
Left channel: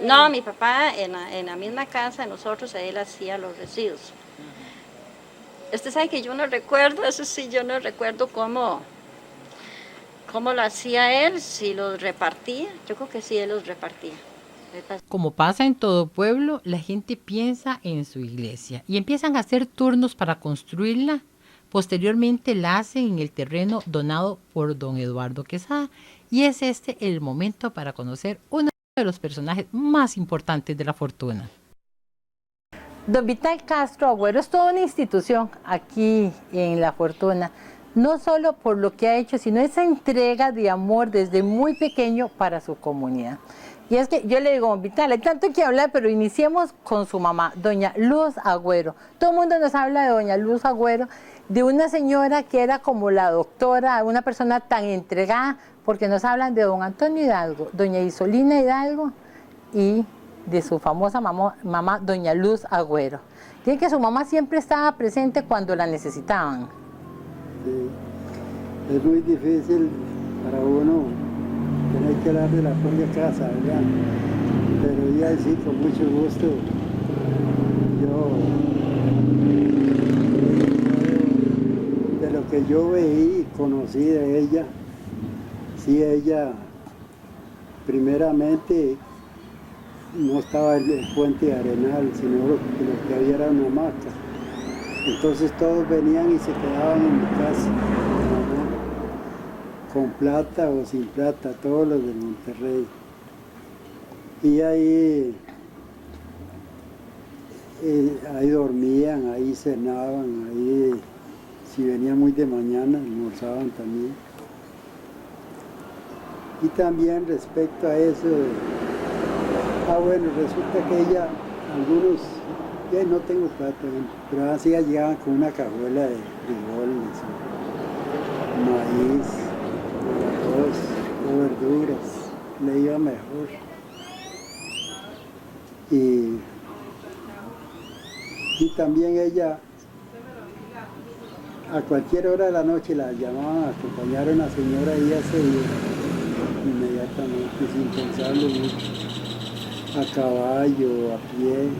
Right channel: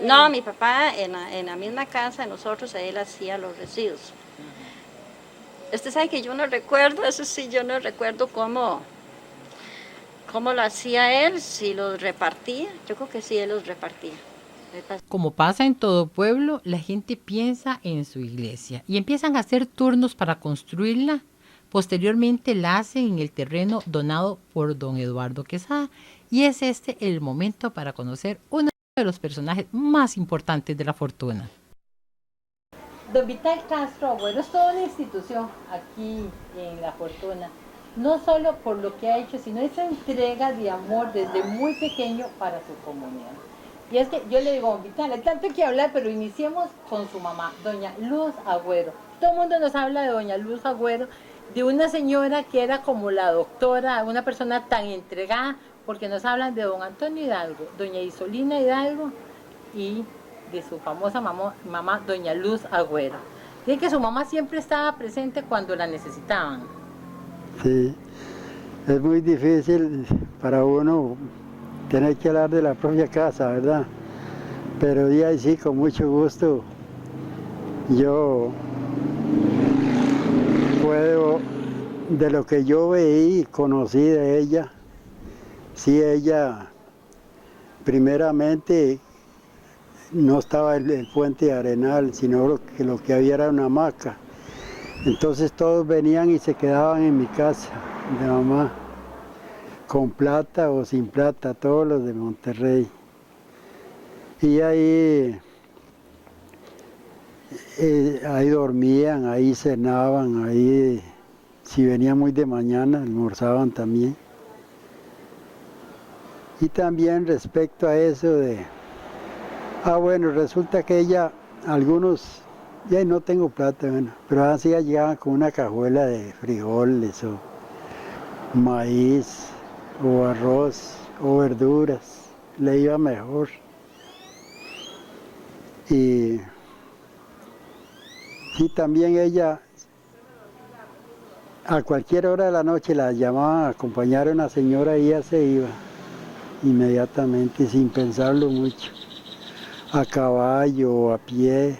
no, mi papá en la misma casa de nosotros, él hacía los residuos. Usted sabe que yo no recuerdo, eso sí, yo no recuerdo cómo lo hacía él, si los repartía. Yo creo que sí, él los repartía. Como pasa en todo pueblo, la gente piensa en su iglesia y empiezan a hacer turnos para construirla. Posteriormente la hacen en el terreno donado por don Eduardo Quesada y es este el momento para conocer uno de los personajes más importantes de La Fortuna. Don Vital Castro Agüero es toda una institución aquí en La Fortuna, no solo por lo que ha hecho, sino esa entrega de amor desde muy pequeño para su comunidad. Y es que yo le digo, don Vital, hay tanto que hablar, pero iniciemos con su mamá, doña Luz Agüero. Todo el mundo nos habla de doña Luz Agüero, de una señora que era como la doctora, una persona tan entregada, porque nos hablan de don Antonio Hidalgo, doña Isolina Hidalgo y de su famosa mamá, doña Luz Agüero. Dice que su mamá siempre estaba presente cuando la necesitaban. Sí, es muy difícil para uno tener que hablar de la propia casa, ¿verdad? Pero ya sí, con mucho gusto, yo puedo, de lo que yo veí y conocí de ella, Sí, ella primeramente no estaba el puente de Arenal, sino lo que había era una hamaca. Entonces todos venían y se quedaban en mi casa, mi mamá, con plata o sin plata, todos los de Monterrey. Y ahí dormían, ahí cenaban, ahí si venían muy de mañana almorzaban también. Y también respecto a eso de, bueno, resulta que ella, algunos, ya no tengo plata, bueno, pero así llegaban con una cajuela de frijoles o maíz o arroz o verduras, le iba mejor. Y también ella, a cualquier hora de la noche la llamaban a acompañar a una señora y ella se iba inmediatamente, sin pensarlo mucho, a caballo o a pie,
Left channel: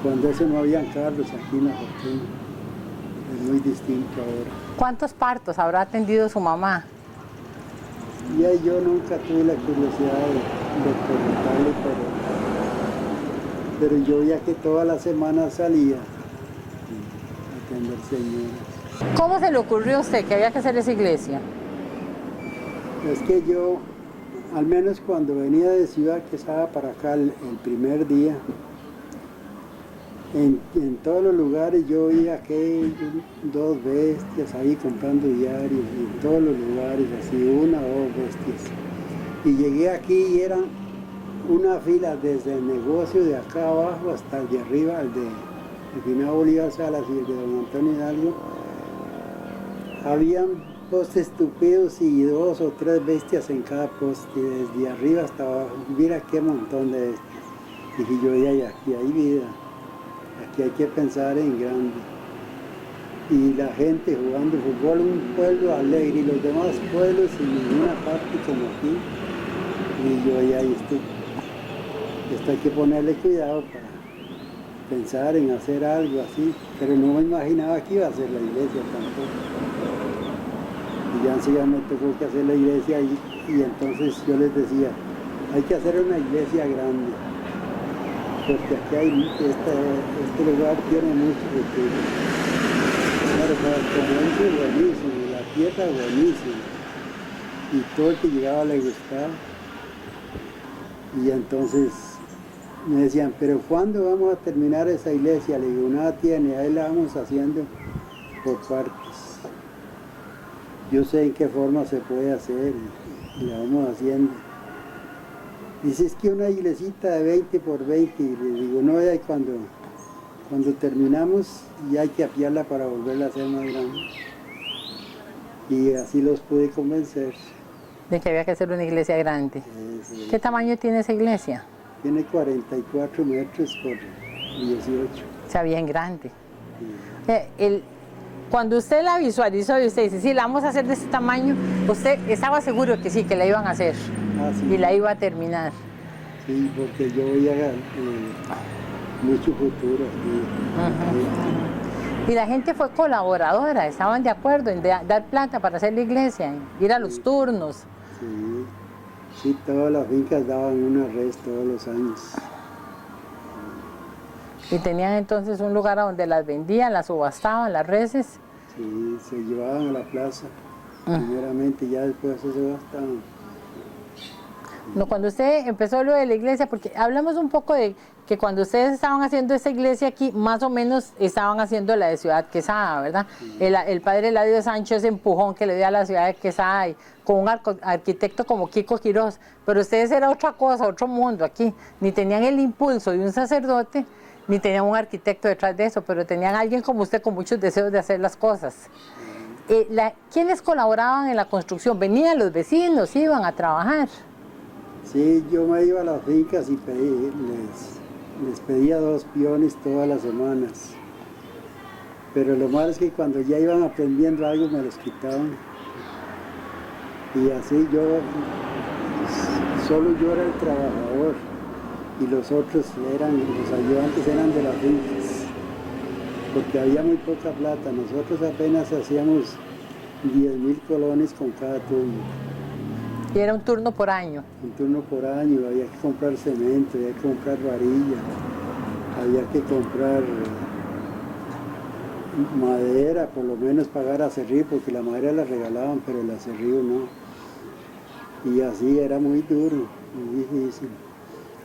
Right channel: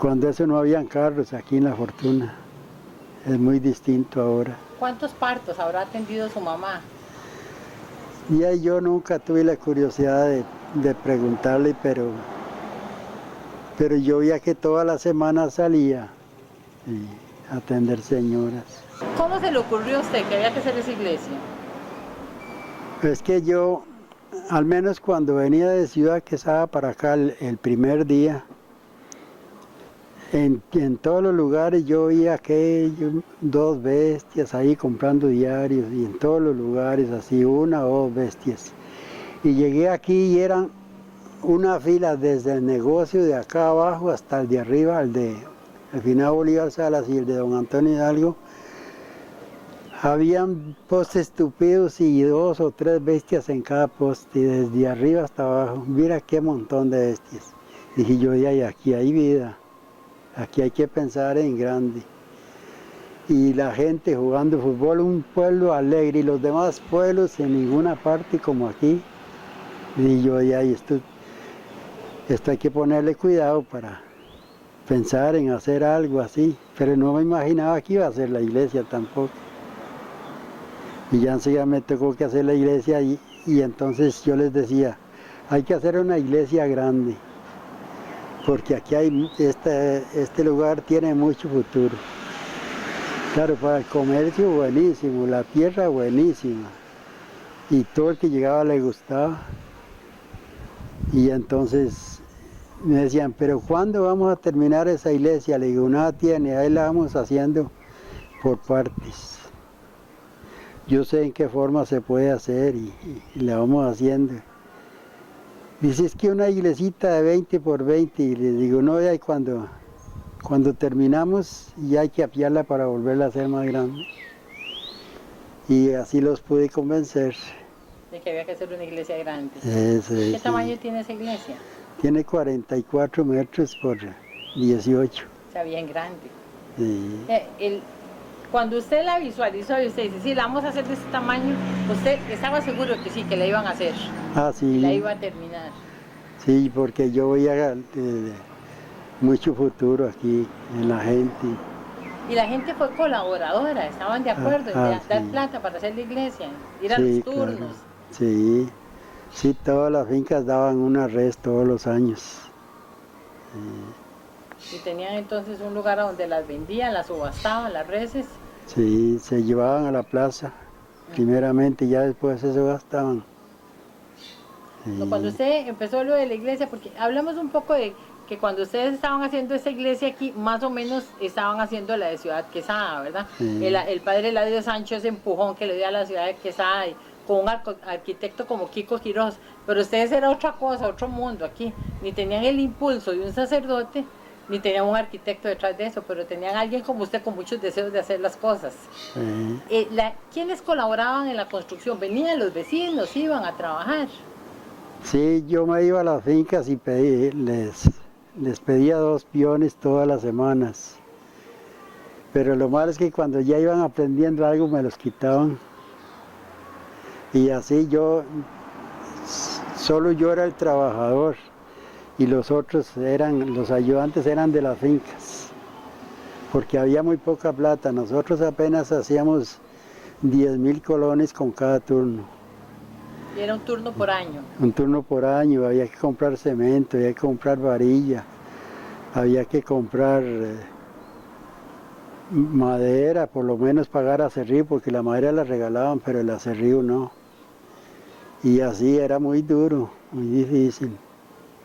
cuando eso no habían carros aquí en La Fortuna. Es muy distinto ahora. ¿Cuántos partos habrá atendido su mamá? Y ahí yo nunca tuve la curiosidad de preguntarle, pero yo veía que toda la semana salía a atender señoras. ¿Cómo se le ocurrió a usted que había que hacer esa iglesia? Es que yo, al menos cuando venía de Ciudad Quesada para acá el primer día, en todos los lugares yo veía que 2 bestias ahí comprando diarios, y en todos los lugares así, 1 o 2 bestias. Y llegué aquí y eran una fila desde el negocio de acá abajo hasta el de arriba, el de Finado Bolívar Salas y el de Don Antonio Hidalgo. Habían postes tupidos y 2 o 3 bestias en cada poste, desde arriba hasta abajo. Mira qué montón de bestias. Dije yo, y aquí hay vida, aquí hay que pensar en grande. Y la gente jugando fútbol, un pueblo alegre, y los demás pueblos en ninguna parte como aquí. Y yo, y esto hay que ponerle cuidado para pensar en hacer algo así. Pero no me imaginaba que iba a hacer la iglesia tampoco. Y ya enseguida me tocó que hacer la iglesia y entonces yo les decía, hay que hacer una iglesia grande, porque aquí hay, este lugar tiene mucho futuro. Claro, para el comercio buenísimo, la tierra buenísima, y todo el que llegaba le gustaba. Y entonces me decían, pero ¿cuándo vamos a terminar esa iglesia? Le digo, nada tiene, ahí la vamos haciendo por partes. Yo sé en qué forma se puede hacer y la vamos haciendo. Dice, es que una iglesita de 20 por 20, y le digo, no, ya cuando terminamos ya hay que apiarla para volverla a hacer más grande. Y así los pude convencer. De que había que hacer una iglesia grande. ¿Qué tamaño tiene esa iglesia? Tiene 44 metros por 18. O sea, bien grande. Sí. Cuando usted la visualizó y usted dice, sí, la vamos a hacer de este tamaño, usted estaba seguro que sí, que la iban a hacer. Sí. Y la iba a terminar. Sí, porque yo veía mucho futuro aquí en la gente. Y la gente fue colaboradora, estaban de acuerdo en dar plata para hacer la iglesia, ir a los turnos. Claro. Sí, todas las fincas daban una res todos los años. Y tenían entonces un lugar a donde las vendían, las subastaban, las reses. Sí, se llevaban a la plaza, primeramente, y ya después se subastaban. Sí. No, cuando usted empezó lo de la iglesia, porque hablamos un poco de que cuando ustedes estaban haciendo esa iglesia aquí, más o menos estaban haciendo la de Ciudad Quesada, ¿verdad? Sí. El padre Eladio Sancho, ese empujón que le dio a la ciudad de Quesada, y con un arquitecto como Kiko Quiroz, pero ustedes era otra cosa, otro mundo aquí, ni tenían el impulso de un sacerdote, ni tenían un arquitecto detrás de eso, pero tenían a alguien como usted con muchos deseos de hacer las cosas. Sí. ¿Quiénes colaboraban en la construcción? ¿Venían los vecinos, iban a trabajar? Sí, yo me iba a las fincas y les pedía 2 peones todas las semanas. Pero lo malo es que cuando ya iban aprendiendo algo me los quitaban. Y así solo yo era el trabajador. Y los otros los ayudantes eran de las fincas, porque había muy poca plata. Nosotros apenas hacíamos 10.000 colones con cada turno. Y era un turno por año. Un turno por año, había que comprar cemento, había que comprar varilla, había que comprar madera, por lo menos pagar acerrío, porque la madera la regalaban, pero el acerrío no. Y así era muy duro, muy difícil.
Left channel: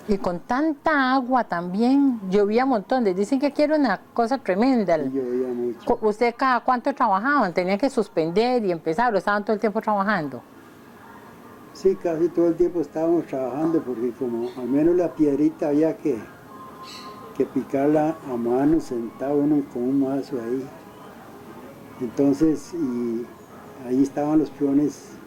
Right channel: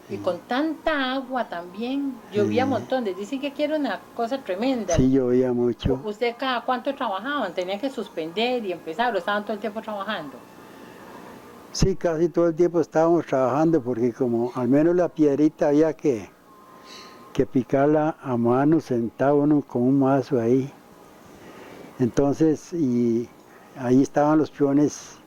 Y con tanta agua también, llovía un montón. Dicen que aquí era una cosa tremenda. Sí, llovía mucho. ¿Usted cada cuánto trabajaban? ¿Tenían que suspender y empezar o estaban todo el tiempo trabajando? Sí, casi todo el tiempo estábamos trabajando, porque como al menos la piedrita había que picarla a mano, sentado uno con un mazo ahí. Entonces, y ahí estaban los peones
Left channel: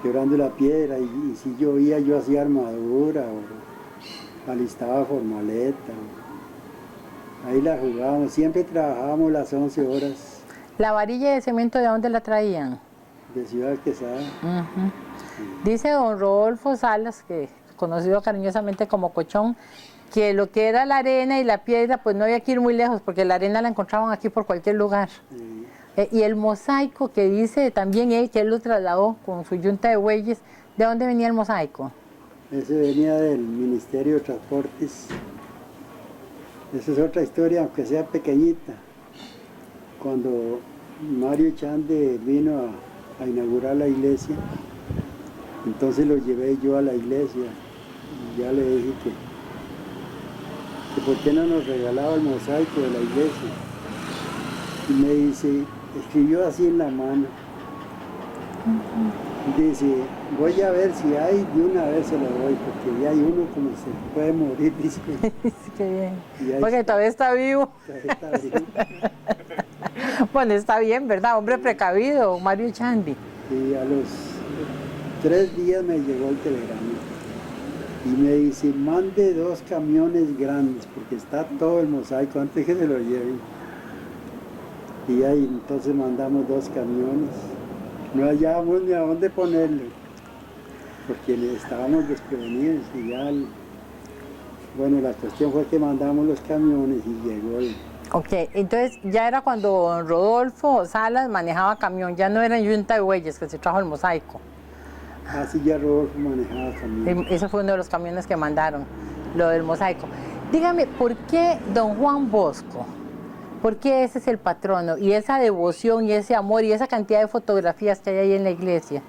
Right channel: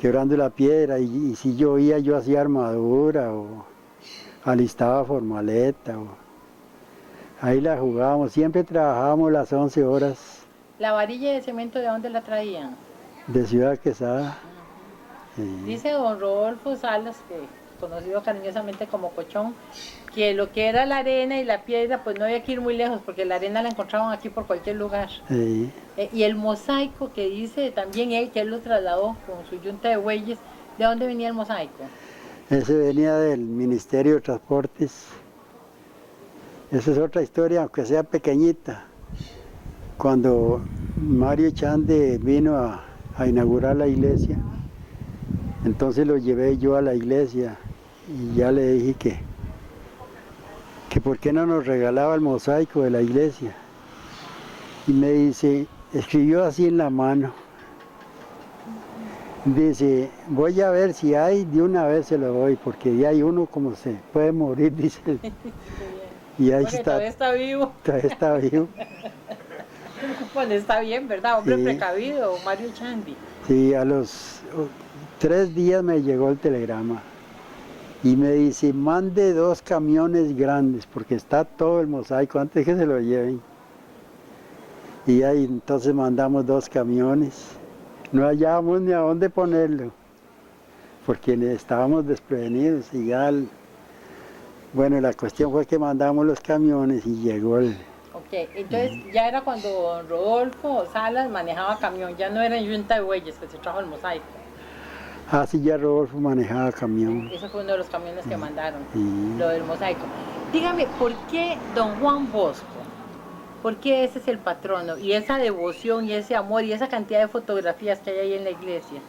quebrando la piedra, y si llovía yo hacía armadura o alistaba formaleta. Ahí la jugábamos, siempre trabajábamos las 11 horas. ¿La varilla de cemento de dónde la traían? De Ciudad Quesada. Sí. Dice don Rodolfo Salas, que conocido cariñosamente como Cochón, que lo que era la arena y la piedra, pues no había que ir muy lejos, porque la arena la encontraban aquí por cualquier lugar. Sí. Y el mosaico que dice también él, que él lo trasladó con su yunta de bueyes, ¿de dónde venía el mosaico? Ese venía del Ministerio de Transportes. Esa es otra historia, aunque sea pequeñita. Cuando Mario Chande vino a inaugurar la iglesia, entonces lo llevé yo a la iglesia y ya le dije que por qué no nos regalaba el mosaico de la iglesia. Y me dice, escribió así en la mano, dice, voy a ver si hay, de una vez se lo doy, porque ya hay uno como se puede morir, dice. Qué bien. Y ahí Porque todavía está vivo. Todavía está vivo. Bueno, está bien, ¿verdad? Hombre Sí. precavido, Mario Chandi. Sí, a los 3 días me llegó el telegrama y me dice, mande 2 camiones grandes, porque está todo el mosaico antes que se lo lleven. Y ahí entonces mandamos 2 camiones. No hallábamos ni a dónde ponerlo, porque estábamos desprevenidos y ya, bueno, la cuestión fue que mandamos los camiones y llegó el... Ok, entonces ya era cuando don Rodolfo Salas manejaba camión, ya no era yunta de bueyes que se trajo el mosaico. Así ya Rodolfo manejaba camión. Ese fue uno de los camiones que mandaron, Sí. lo del mosaico. Dígame, ¿por qué don Juan Bosco? ¿Por qué ese es el patrono? Y esa devoción y ese amor y esa cantidad de fotografías que hay ahí en la iglesia.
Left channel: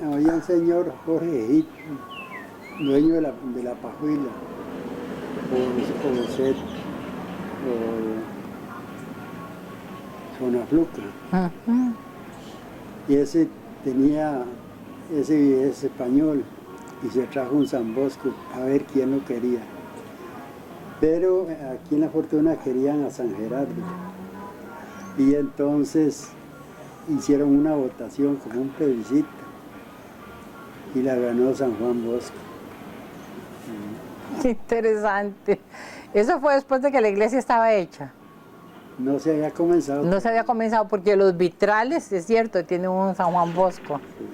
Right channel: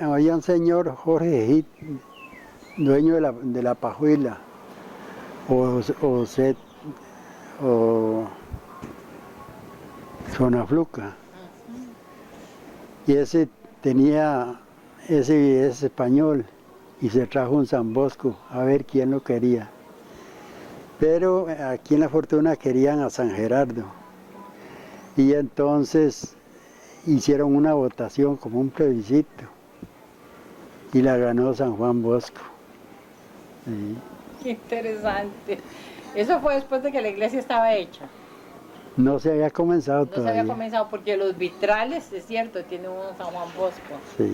Había un señor, Jorge Egip, dueño de la pajuela, o Set, o Zonafluca. Y ese es español, y se trajo un San Bosco a ver quién lo quería. Pero aquí en La Fortuna querían a San Gerardo. Y entonces hicieron una votación como un plebiscito. Y la ganó San Juan Bosco. Qué interesante. Eso fue después de que la iglesia estaba hecha. No se había comenzado No se había comenzado porque los vitrales, es cierto, tiene un San Juan Bosco. Sí.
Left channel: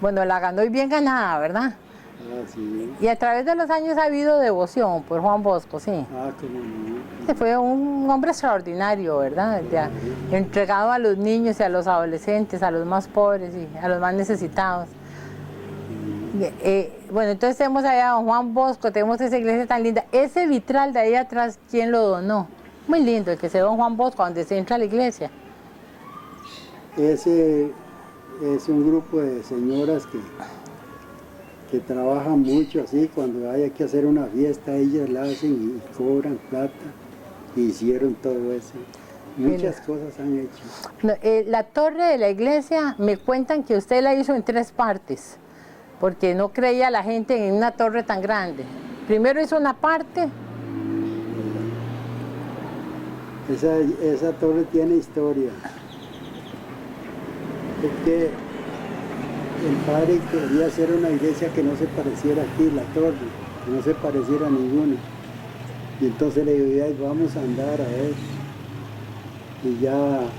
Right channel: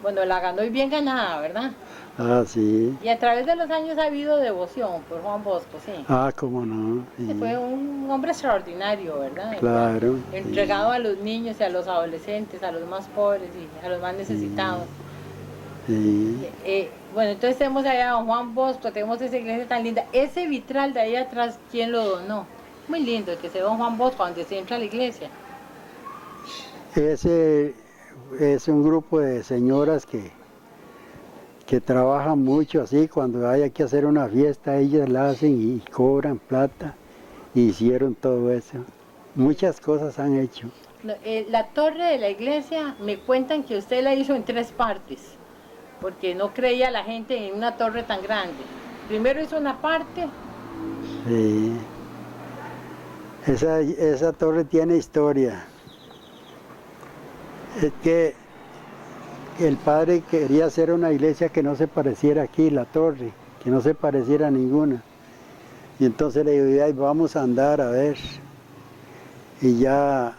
Bueno, la ganó y bien ganada, ¿verdad? Ah, sí. Y a través de los años ha habido devoción por Juan Bosco, sí. Ah, cómo no. Sí. Fue un hombre extraordinario, ¿verdad? Claro. Ya, entregado a los niños y a los adolescentes, a los más pobres y a los más necesitados. Sí. Bueno, entonces tenemos allá a don Juan Bosco, tenemos esa iglesia tan linda. Ese vitral de ahí atrás, ¿quién lo donó? Muy lindo, el que se ve don Juan Bosco, donde se entra a la iglesia. Ese es un grupo de señoras que trabajan mucho así, cuando hay que hacer una fiesta, ellas la hacen y cobran plata, y hicieron todo eso. Muchas cosas han hecho. No, la torre de la iglesia, me cuentan que usted la hizo en 3 partes, porque no creía la gente en una torre tan grande. Primero hizo una parte. Esa torre tiene historia. Es que el padre quería hacer una iglesia que no se pareciera aquí, la torre, que no se pareciera a ninguna. Y entonces le digo, "Ay, vamos a andar a ver". Y ya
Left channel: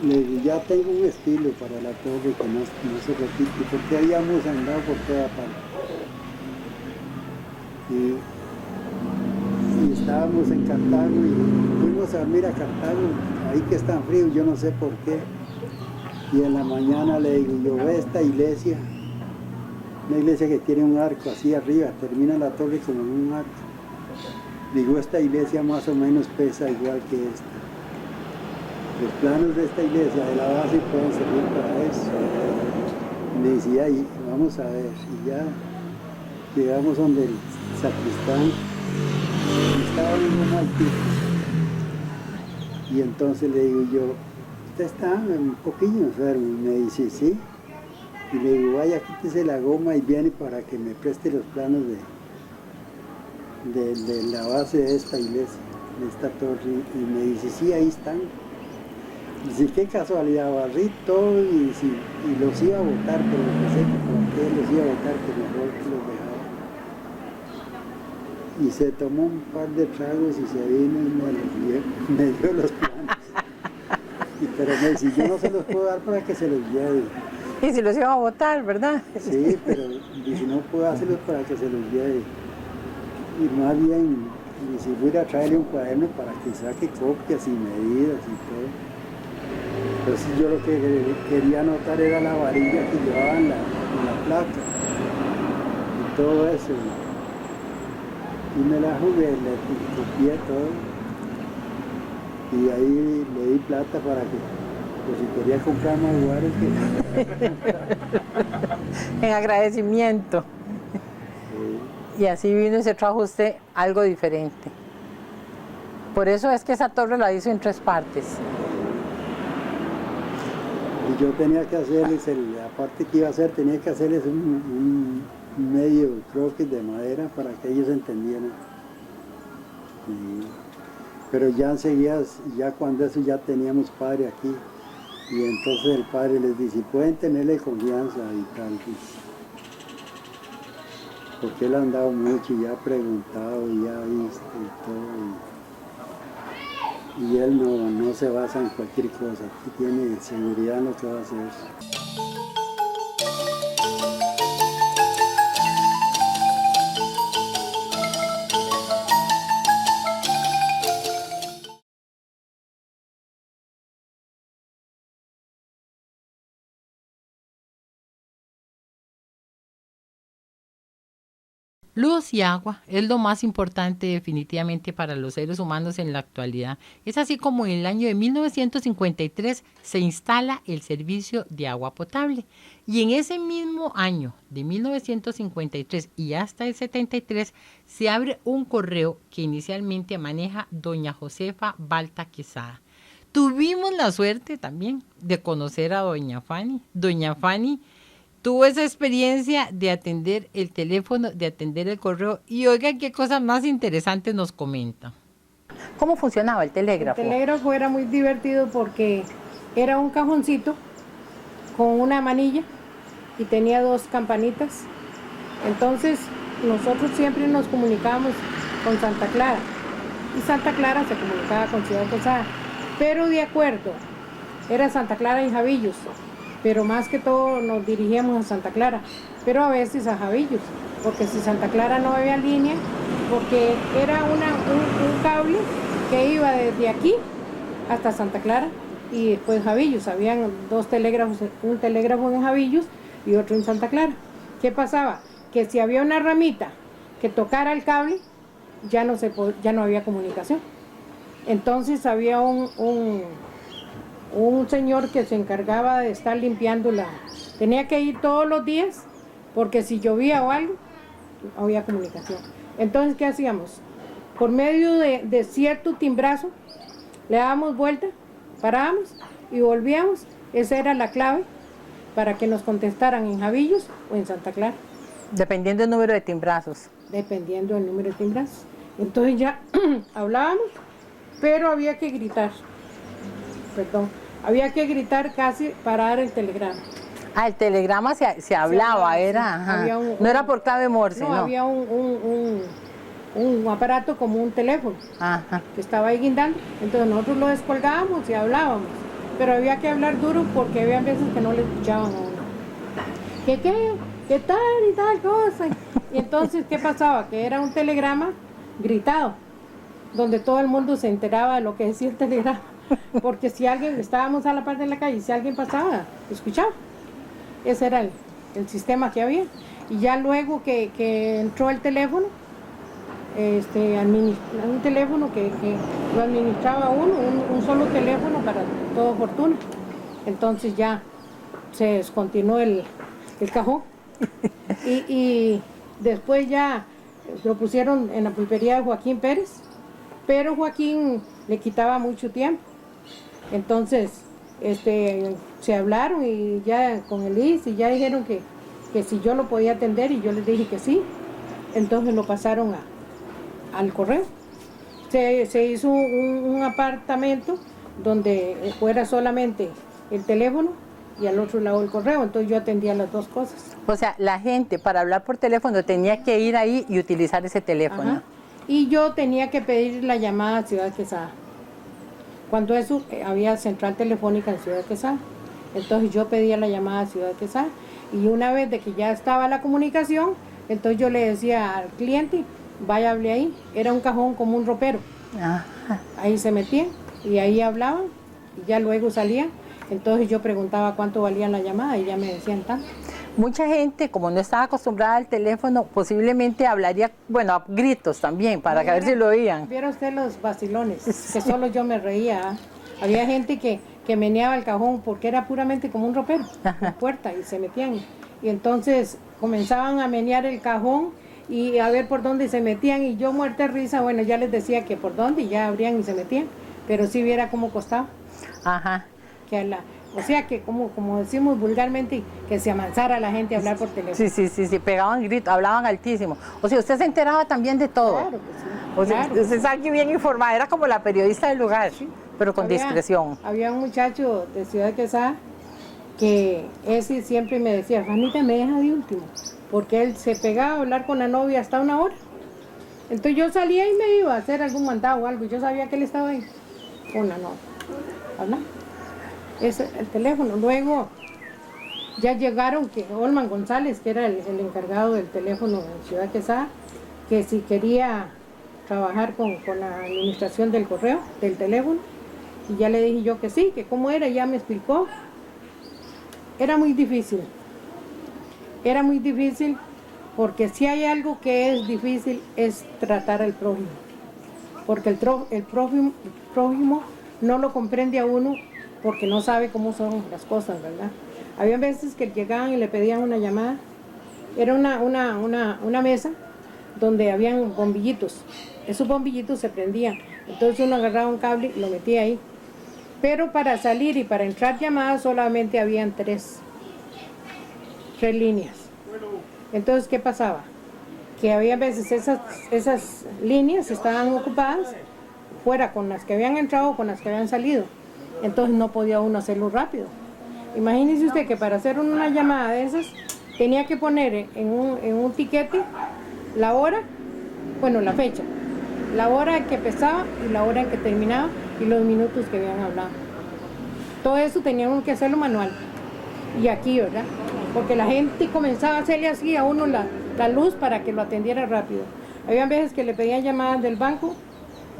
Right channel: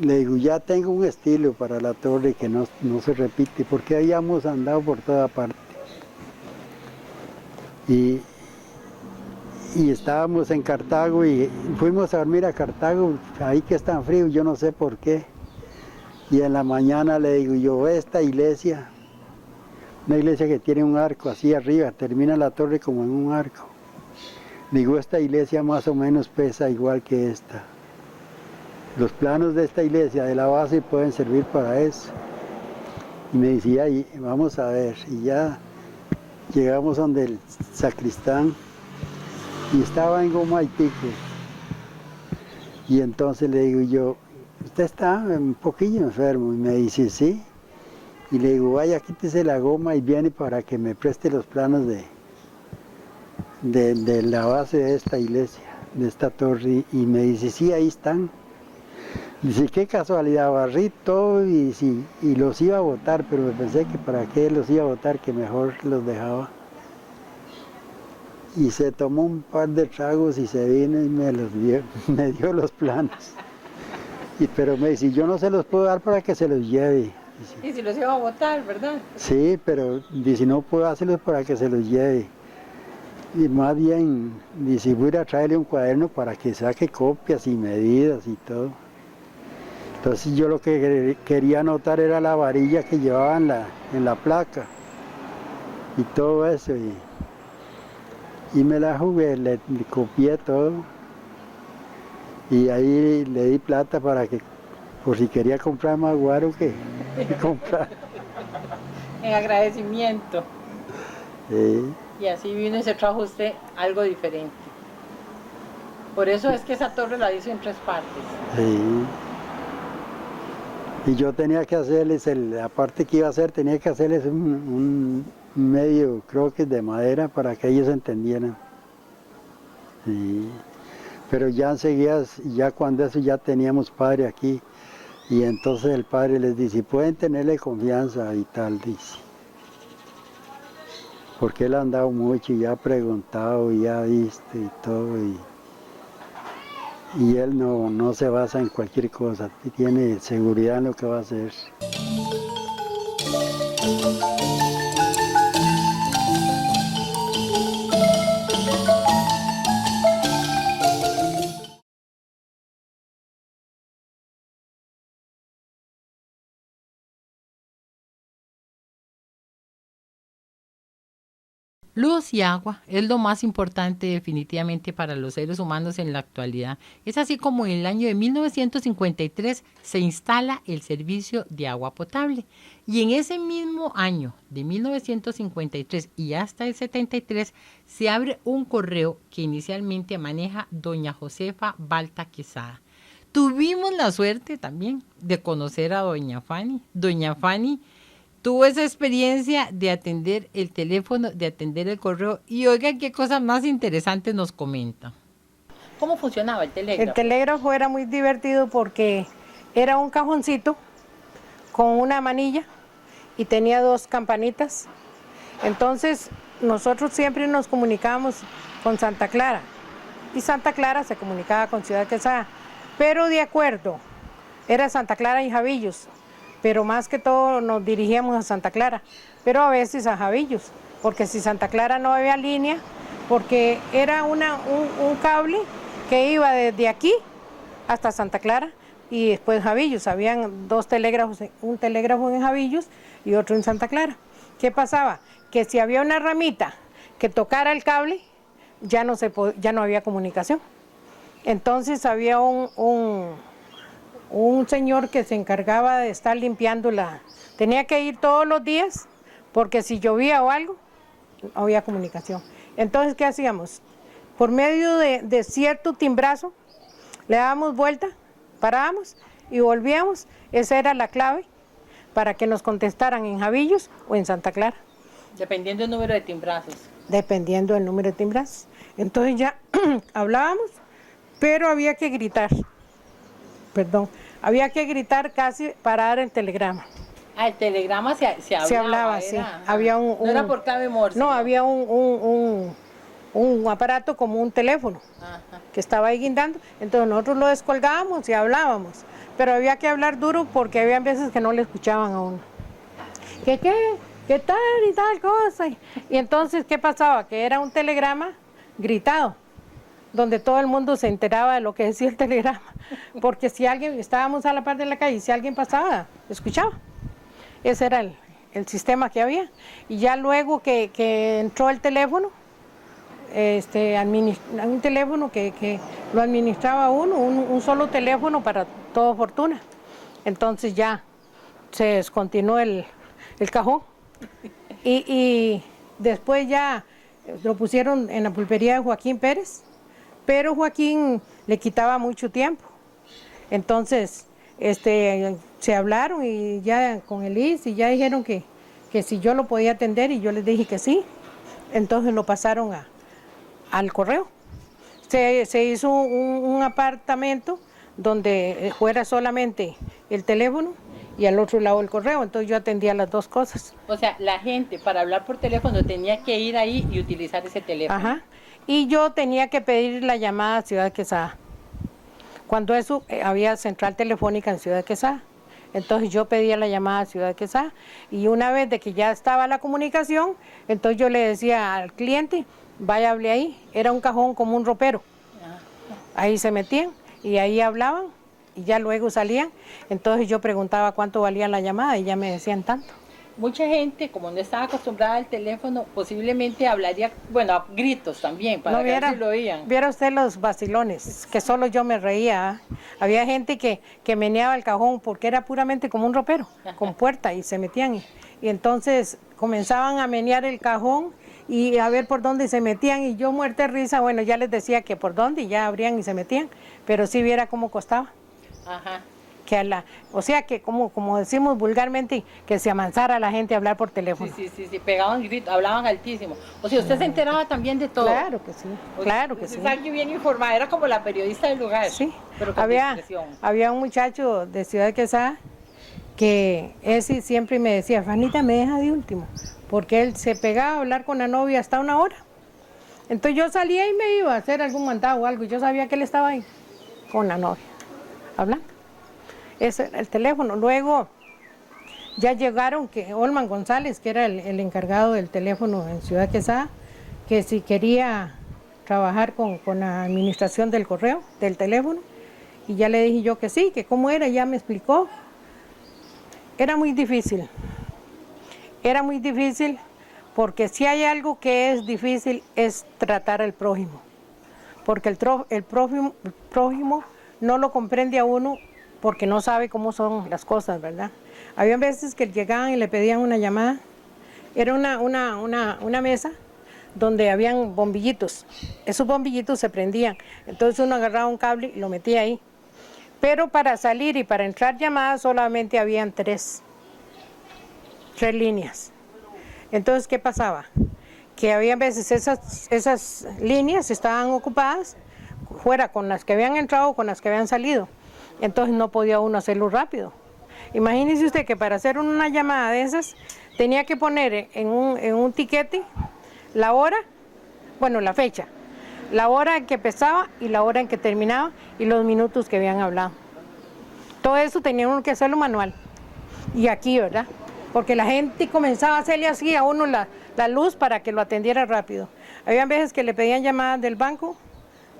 le digo, ya tengo un estilo para la torre que no se repite, porque habíamos andado por toda parte. y estábamos en Cartago y fuimos a dormir a Cartago, ahí que es tan frío, yo no sé por qué. Y en la mañana le digo yo, esta iglesia, una iglesia que tiene un arco así arriba, termina la torre como en un arco. Digo, esta iglesia más o menos pesa igual que esta. Los planos de esta iglesia, de la base, pueden servir para eso. Y me decía, y vamos a ver, y ya llegamos donde el sacristán, y estaba en goma y tipo. Y entonces le digo yo, usted está un poquillo enfermo, y me dice, sí. Y le digo, vaya, quítese la goma y viene para que me preste los planos de la base de esta iglesia, de esta torre. Y me dice, sí, ahí están. Dice, qué casualidad, barrí todo y los iba a botar, pero pensé que para qué los iba a botar, que mejor los dejaba. Y se tomó un par de tragos y se vino y me dio los planos. Pero me dice, yo no se los puedo dar para que se los lleve. Y si los iba a botar, ¿verdad? Sí, pero dice, no puedo hacerlos para que se los lleve. Y más bien, dice, voy a ir a traerle un cuaderno para que saque copias y medidas y todo. Entonces yo lo que quería anotar era la varilla que llevaba en la placa y todo eso. Y me la jugué, le copié todo. Y ahí le di plata para que, por si quería comprar más guaro que comprar. En agradecimiento. Sí. Y así vino y se trajo usted algo diferente. Por eso es que esa torre la hizo en 3 partes. Sí. Y yo tenía que hacerles, aparte que iba a hacer, tenía que hacerles un medio croquis de madera para que ellos entendieran. Sí. Pero ya enseguida, ya cuando eso ya teníamos padre aquí, y entonces el padre les dice, pueden tenerle confianza y tal, dice. Porque él ha andado mucho y ha preguntado y ha visto y todo. Y él no se basa en cualquier cosa, tiene seguridad en lo que va a hacer. Luz y agua es lo más importante definitivamente para los seres humanos en la actualidad. Es así como en el año de 1953 se instala el servicio de agua potable. Y en ese mismo año de 1953 y hasta el 73 se abre un correo que inicialmente maneja doña Josefa Balta Quesada. Tuvimos la suerte también de conocer a doña Fanny. Doña Fanny tuvo esa experiencia de atender el teléfono, de atender el correo, y oigan qué cosas más interesantes nos comenta. ¿Cómo funcionaba el telégrafo? El telégrafo era muy divertido porque era un cajoncito con una manilla y tenía 2 campanitas. Entonces nosotros siempre nos comunicábamos con Santa Clara y Santa Clara se comunicaba con Ciudad Quesada, pero de acuerdo, era Santa Clara y Javillos. Pero más que todo nos dirigíamos a Santa Clara, pero a veces a Javillos, porque si Santa Clara no había línea, porque era un cable que iba desde aquí hasta Santa Clara y después Javillos. Habían 2 telégrafos, un telégrafo en Javillos y otro en Santa Clara. ¿Qué pasaba? Que si había una ramita que tocara el cable, ya no había comunicación. Entonces había un señor que se encargaba de estar limpiando tenía que ir todos los días, porque si llovía o algo, no había comunicación. Entonces, ¿qué hacíamos? Por medio de cierto timbrazo, le dábamos vuelta, parábamos y volvíamos. Esa era la clave para que nos contestaran en Javillos o en Santa Clara. Dependiendo del número de timbrazos. Dependiendo del número de timbrazos. Entonces ya hablábamos, pero había que gritar. Había que gritar casi para dar el telegrama. Ah, el telegrama se hablaba, era. Sí. Había no era por clave Morse. No, había un aparato como un teléfono. Ajá. Que estaba ahí guindando. Entonces nosotros lo descolgábamos y hablábamos. Pero había que hablar duro porque había veces que no le escuchaban a uno. ¿Qué tal y tal cosa? Y entonces, ¿qué pasaba? Que era un telegrama gritado. donde todo el mundo se enteraba de lo que decía el telegrama, porque si alguien, estábamos a la parte de la calle, si alguien pasaba, escuchaba. Ese era el sistema que había. Y ya luego que entró el teléfono, un teléfono que lo administraba uno, un solo teléfono para toda fortuna. Entonces ya se descontinuó el cajón y después ya lo pusieron en la pulpería de Joaquín Pérez, pero Joaquín le quitaba mucho tiempo. Entonces se hablaron y ya con el IS y ya dijeron que si yo lo podía atender y yo les dije que sí. Entonces lo pasaron al correo. Se hizo un apartamento donde fuera solamente el teléfono y al otro lado el correo, entonces yo atendía las dos cosas. O sea, la gente para hablar por teléfono tenía que ir ahí y utilizar ese teléfono. Ajá. Y yo tenía que pedir la llamada a Ciudad Quesada. Cuando eso había central telefónica en Ciudad Quesada. Entonces yo pedía la llamada a Ciudad Quesada y una vez de que ya estaba la comunicación, entonces yo le decía al cliente, vaya, hable ahí. Era un cajón como un ropero. Ajá. Ahí se metían y ahí hablaban y ya luego salían. Entonces yo preguntaba cuánto valía la llamada y ya me decían tanto. Mucha gente, como no estaba acostumbrada al teléfono, posiblemente hablaría, bueno, a gritos también, para ver si lo oían. Viera usted los vacilones, que solo yo me reía. Había gente que meneaba el cajón porque era puramente como un ropero, con puerta, y se metían. Y entonces comenzaban a menear el cajón y a ver por dónde se metían. Y yo muerta de risa, bueno, ya les decía que por dónde, y ya abrían y se metían. Pero sí viera cómo costaba. Ajá. O sea que como decimos vulgarmente, que se amansara la gente a hablar por teléfono. Sí, pegaban gritos, hablaban altísimo. O sea, usted se enteraba también de todo. Claro que sí. O sea, claro que usted sí. sabe que bien informada, era como la periodista del lugar, Sí. pero con discreción. Había un muchacho de Ciudad Quesada que ese siempre me decía, Fanita, me deja de último, porque él se pegaba a hablar con la novia hasta una hora. Entonces yo salía y me iba a hacer algún mandado o algo, yo sabía que él estaba ahí con la novia, hablando. Ese el teléfono. Luego ya llegaron que Olman González, que era el encargado del teléfono en Ciudad Quesada, que si quería trabajar con la administración del correo, del teléfono, y ya le dije yo que sí, que cómo era, ya me explicó. Era muy difícil porque si hay algo que es difícil es tratar al prójimo, porque el prójimo no lo comprende a uno porque no sabe cómo son las cosas, ¿verdad? Había veces que llegaban y le pedían una llamada. Era una mesa donde habían bombillitos. Esos bombillitos se prendían. Entonces uno agarraba un cable y lo metía ahí. Pero para salir y para entrar llamadas solamente habían tres líneas. Entonces, ¿qué pasaba? Que había veces esas líneas estaban ocupadas, fuera con las que habían entrado o con las que habían salido. Entonces no podía uno hacerlo rápido. Imagínese usted que para hacer una llamada de esas tenía que poner en un tiquete la hora, bueno, la fecha, la hora en que empezaba y la hora en que terminaba y los minutos que habían hablado. Todo eso tenía uno que hacerlo manual. Y aquí, ¿verdad? Porque la gente comenzaba a hacerle así a uno la luz para que lo atendiera rápido. Había veces que le pedían llamadas del banco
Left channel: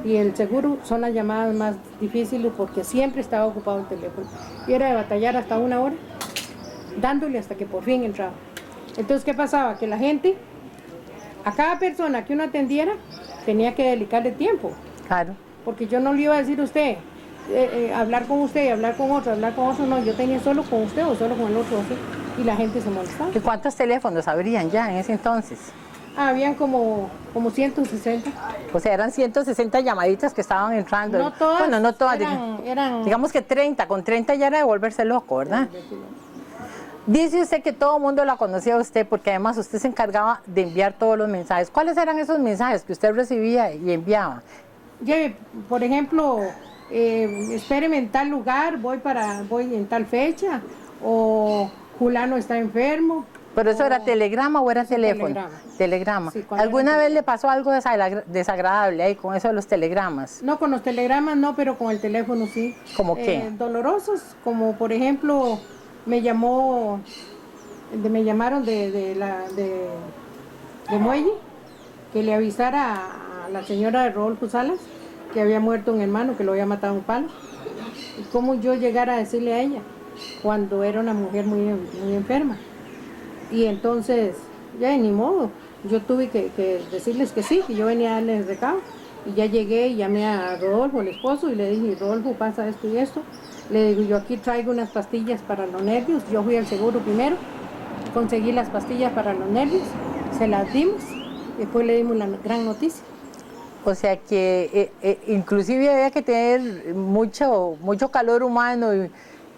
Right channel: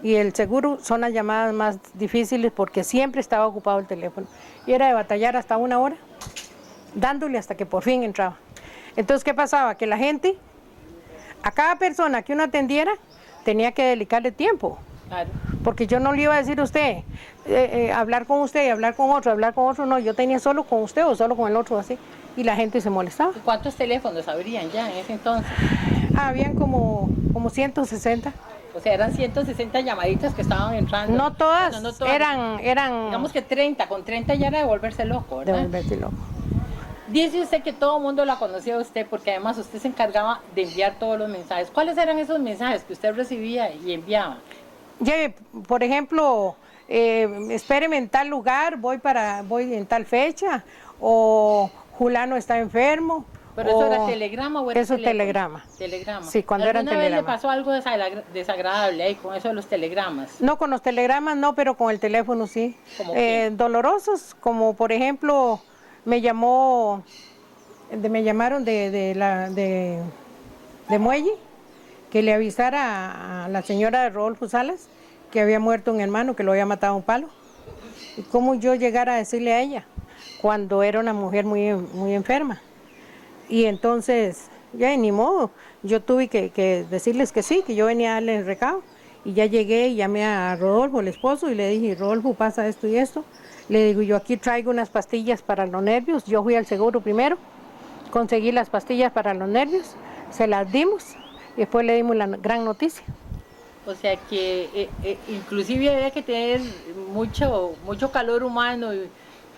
y el seguro, son las llamadas más difíciles porque siempre estaba ocupado el teléfono. Y era de batallar hasta una hora, dándole hasta que por fin entraba. Entonces, ¿qué pasaba? Que la gente, a cada persona que uno atendiera, tenía que dedicarle tiempo. Claro. Porque yo no le iba a decir a usted, hablar con usted y hablar con otro, no. Yo tenía solo con usted o solo con el otro, así. Y la gente se molestaba. ¿Y cuántos teléfonos habrían ya en ese entonces? Habían como 160. O sea, eran 160 llamaditas que estaban entrando. No todas, bueno, no todas. eran... Digamos que 30, con 30 ya era de volverse loco, ¿verdad? De volverse loco. Dice usted que todo el mundo la conocía a usted porque además usted se encargaba de enviar todos los mensajes. ¿Cuáles eran esos mensajes que usted recibía y enviaba? Por ejemplo, espéreme en tal lugar, voy en tal fecha, o fulano está enfermo. ¿Pero eso era telegrama o era eso teléfono? Telegrama. Telegrama. Sí, cuando era ¿Alguna vez le telegrama. pasó algo desagradable ahí con eso de los telegramas? No, con los telegramas no, pero con el teléfono sí. ¿Cómo qué? Dolorosos, como por ejemplo, me llamaron de Muelle, que le avisara a la señora de Rodolfo Salas que había muerto un hermano, que lo había matado a un palo. Y cómo yo llegara a decirle a ella, cuando era una mujer muy enferma. Y entonces, ya ni modo, yo tuve que decirles que sí, que yo venía a darle el recado. Y ya llegué y llamé a Rodolfo, el esposo, y le dije, Rodolfo, pasa esto y esto. Le digo, yo aquí traigo unas pastillas para los nervios. Yo fui al seguro primero, conseguí las pastillas para los nervios, se las dimos, y después le dimos la gran noticia. O sea que inclusive había que tener mucho calor humano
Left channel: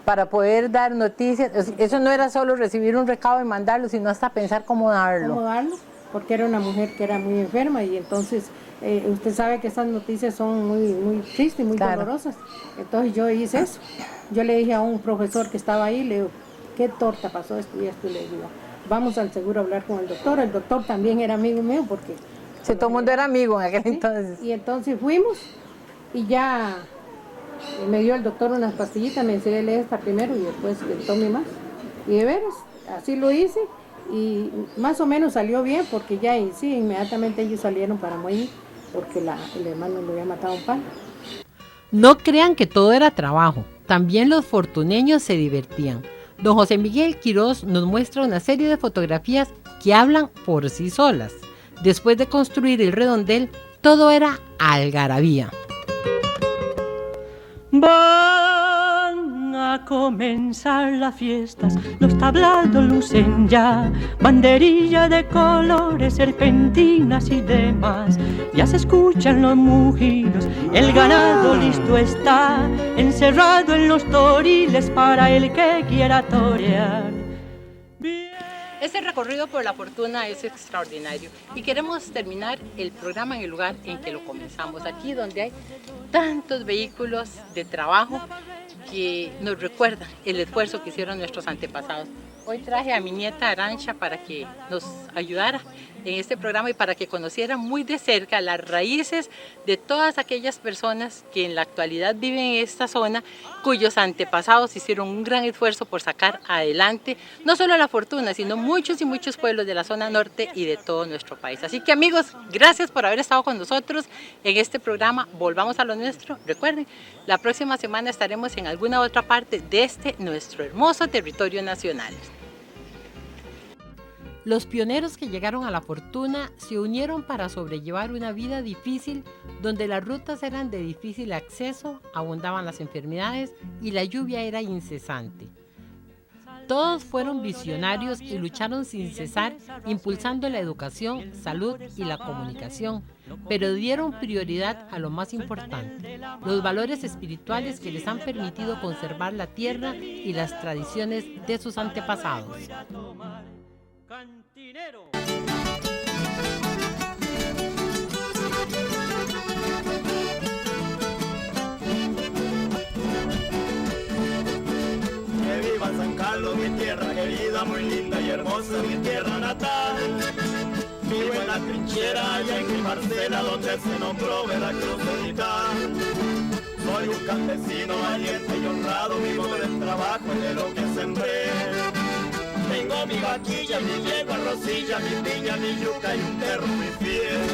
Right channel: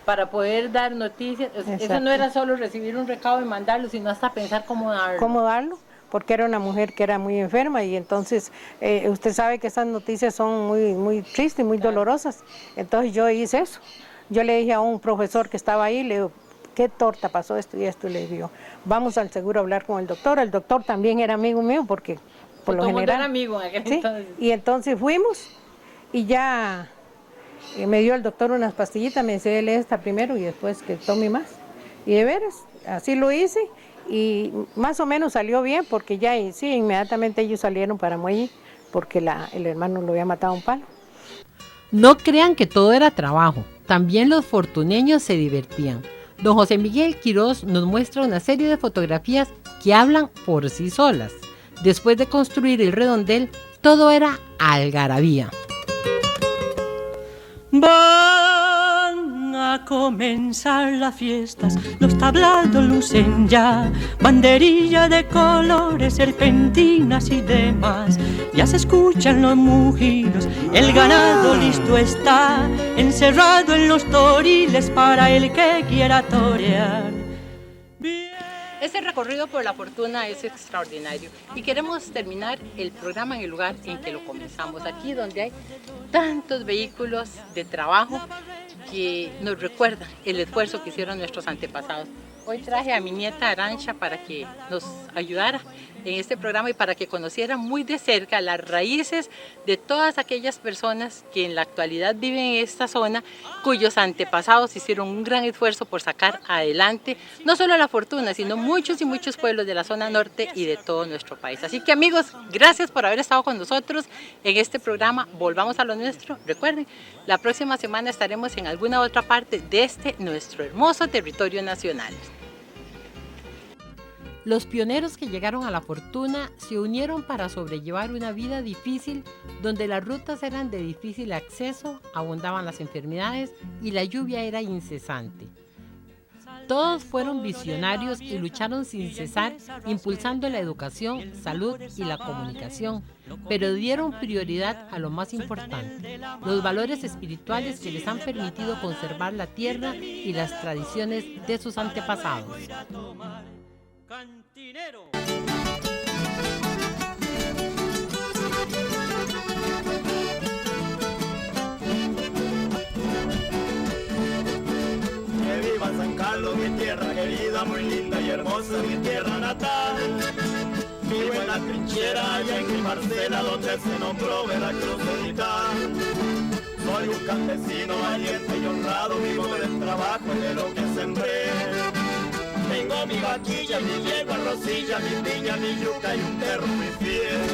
para poder dar noticias. O sea, eso no era solo recibir un recado y mandarlo, sino hasta pensar cómo darlo. Cómo darlo, porque era una mujer que era muy enferma y entonces usted sabe que estas noticias son muy tristes, muy dolorosas. Entonces yo hice eso. Yo le dije a un profesor que estaba ahí, le digo, ¿qué torta pasó esto y esto? Y le digo, vamos al seguro a hablar con el doctor. El doctor también era amigo mío porque... todo el mundo era amigo en aquel ¿sí? entonces. Y entonces fuimos y ya me dio el doctor unas pastillitas, me dice, lee esta primero y después que tome más. Y de veras, así lo hice y más o menos salió bien porque ya sí, inmediatamente ellos salieron para Muelle porque el hermano lo había matado a un palo. No crean que todo era trabajo, también los fortuneños se divertían. Don José Miguel Quirós nos muestra una serie de fotografías que hablan por sí solas. Después de construir el redondel, todo era algarabía. Van a comenzar las fiestas, los tablados lucen ya, banderilla de colores, serpentinas y demás. Ya se escuchan los mugidos, el ganado listo está, encerrado en los toriles para el que quiera torear. Este recorrido por la fortuna es extraordinario y queremos terminar el programa en el lugar en que lo comenzamos, aquí donde hay tantos vehículos de trabajo que nos recuerdan el esfuerzo que hicieron nuestros antepasados. Hoy traje a mi nieta Arancha para que nos ayudara en este programa y para que conociera muy de cerca las raíces de todas aquellas personas que en la actualidad viven en esta zona, cuyos antepasados hicieron un gran esfuerzo por sacar adelante no solo la fortuna, sino muchos y muchos pueblos de la zona norte y de todo nuestro país. Así que amigos, gracias por haber estado con nosotros en este programa Volvamos a lo Nuestro. Recuerden, la próxima semana estaremos en alguna otra parte de nuestro hermoso territorio nacional. Los pioneros que llegaron a la fortuna se unieron para sobrellevar una vida difícil donde las rutas eran de difícil acceso, abundaban las enfermedades y la lluvia era incesante. Todos fueron visionarios y lucharon sin cesar, impulsando la educación, salud y la comunicación, pero dieron prioridad a lo más importante, los valores espirituales que les han permitido conservar la tierra y las tradiciones de sus antepasados. Cantinero. Que viva San Carlos, mi tierra querida, muy linda y hermosa, mi tierra natal. Vivo en la trinchera allá en mi parcela donde se nombró Veracruz Central. Soy un campesino valiente y honrado, vivo del trabajo y de lo que sembré. Tengo mi vaquilla, mi yegua, rosilla, mi piña, mi yuca y un perro muy fiel.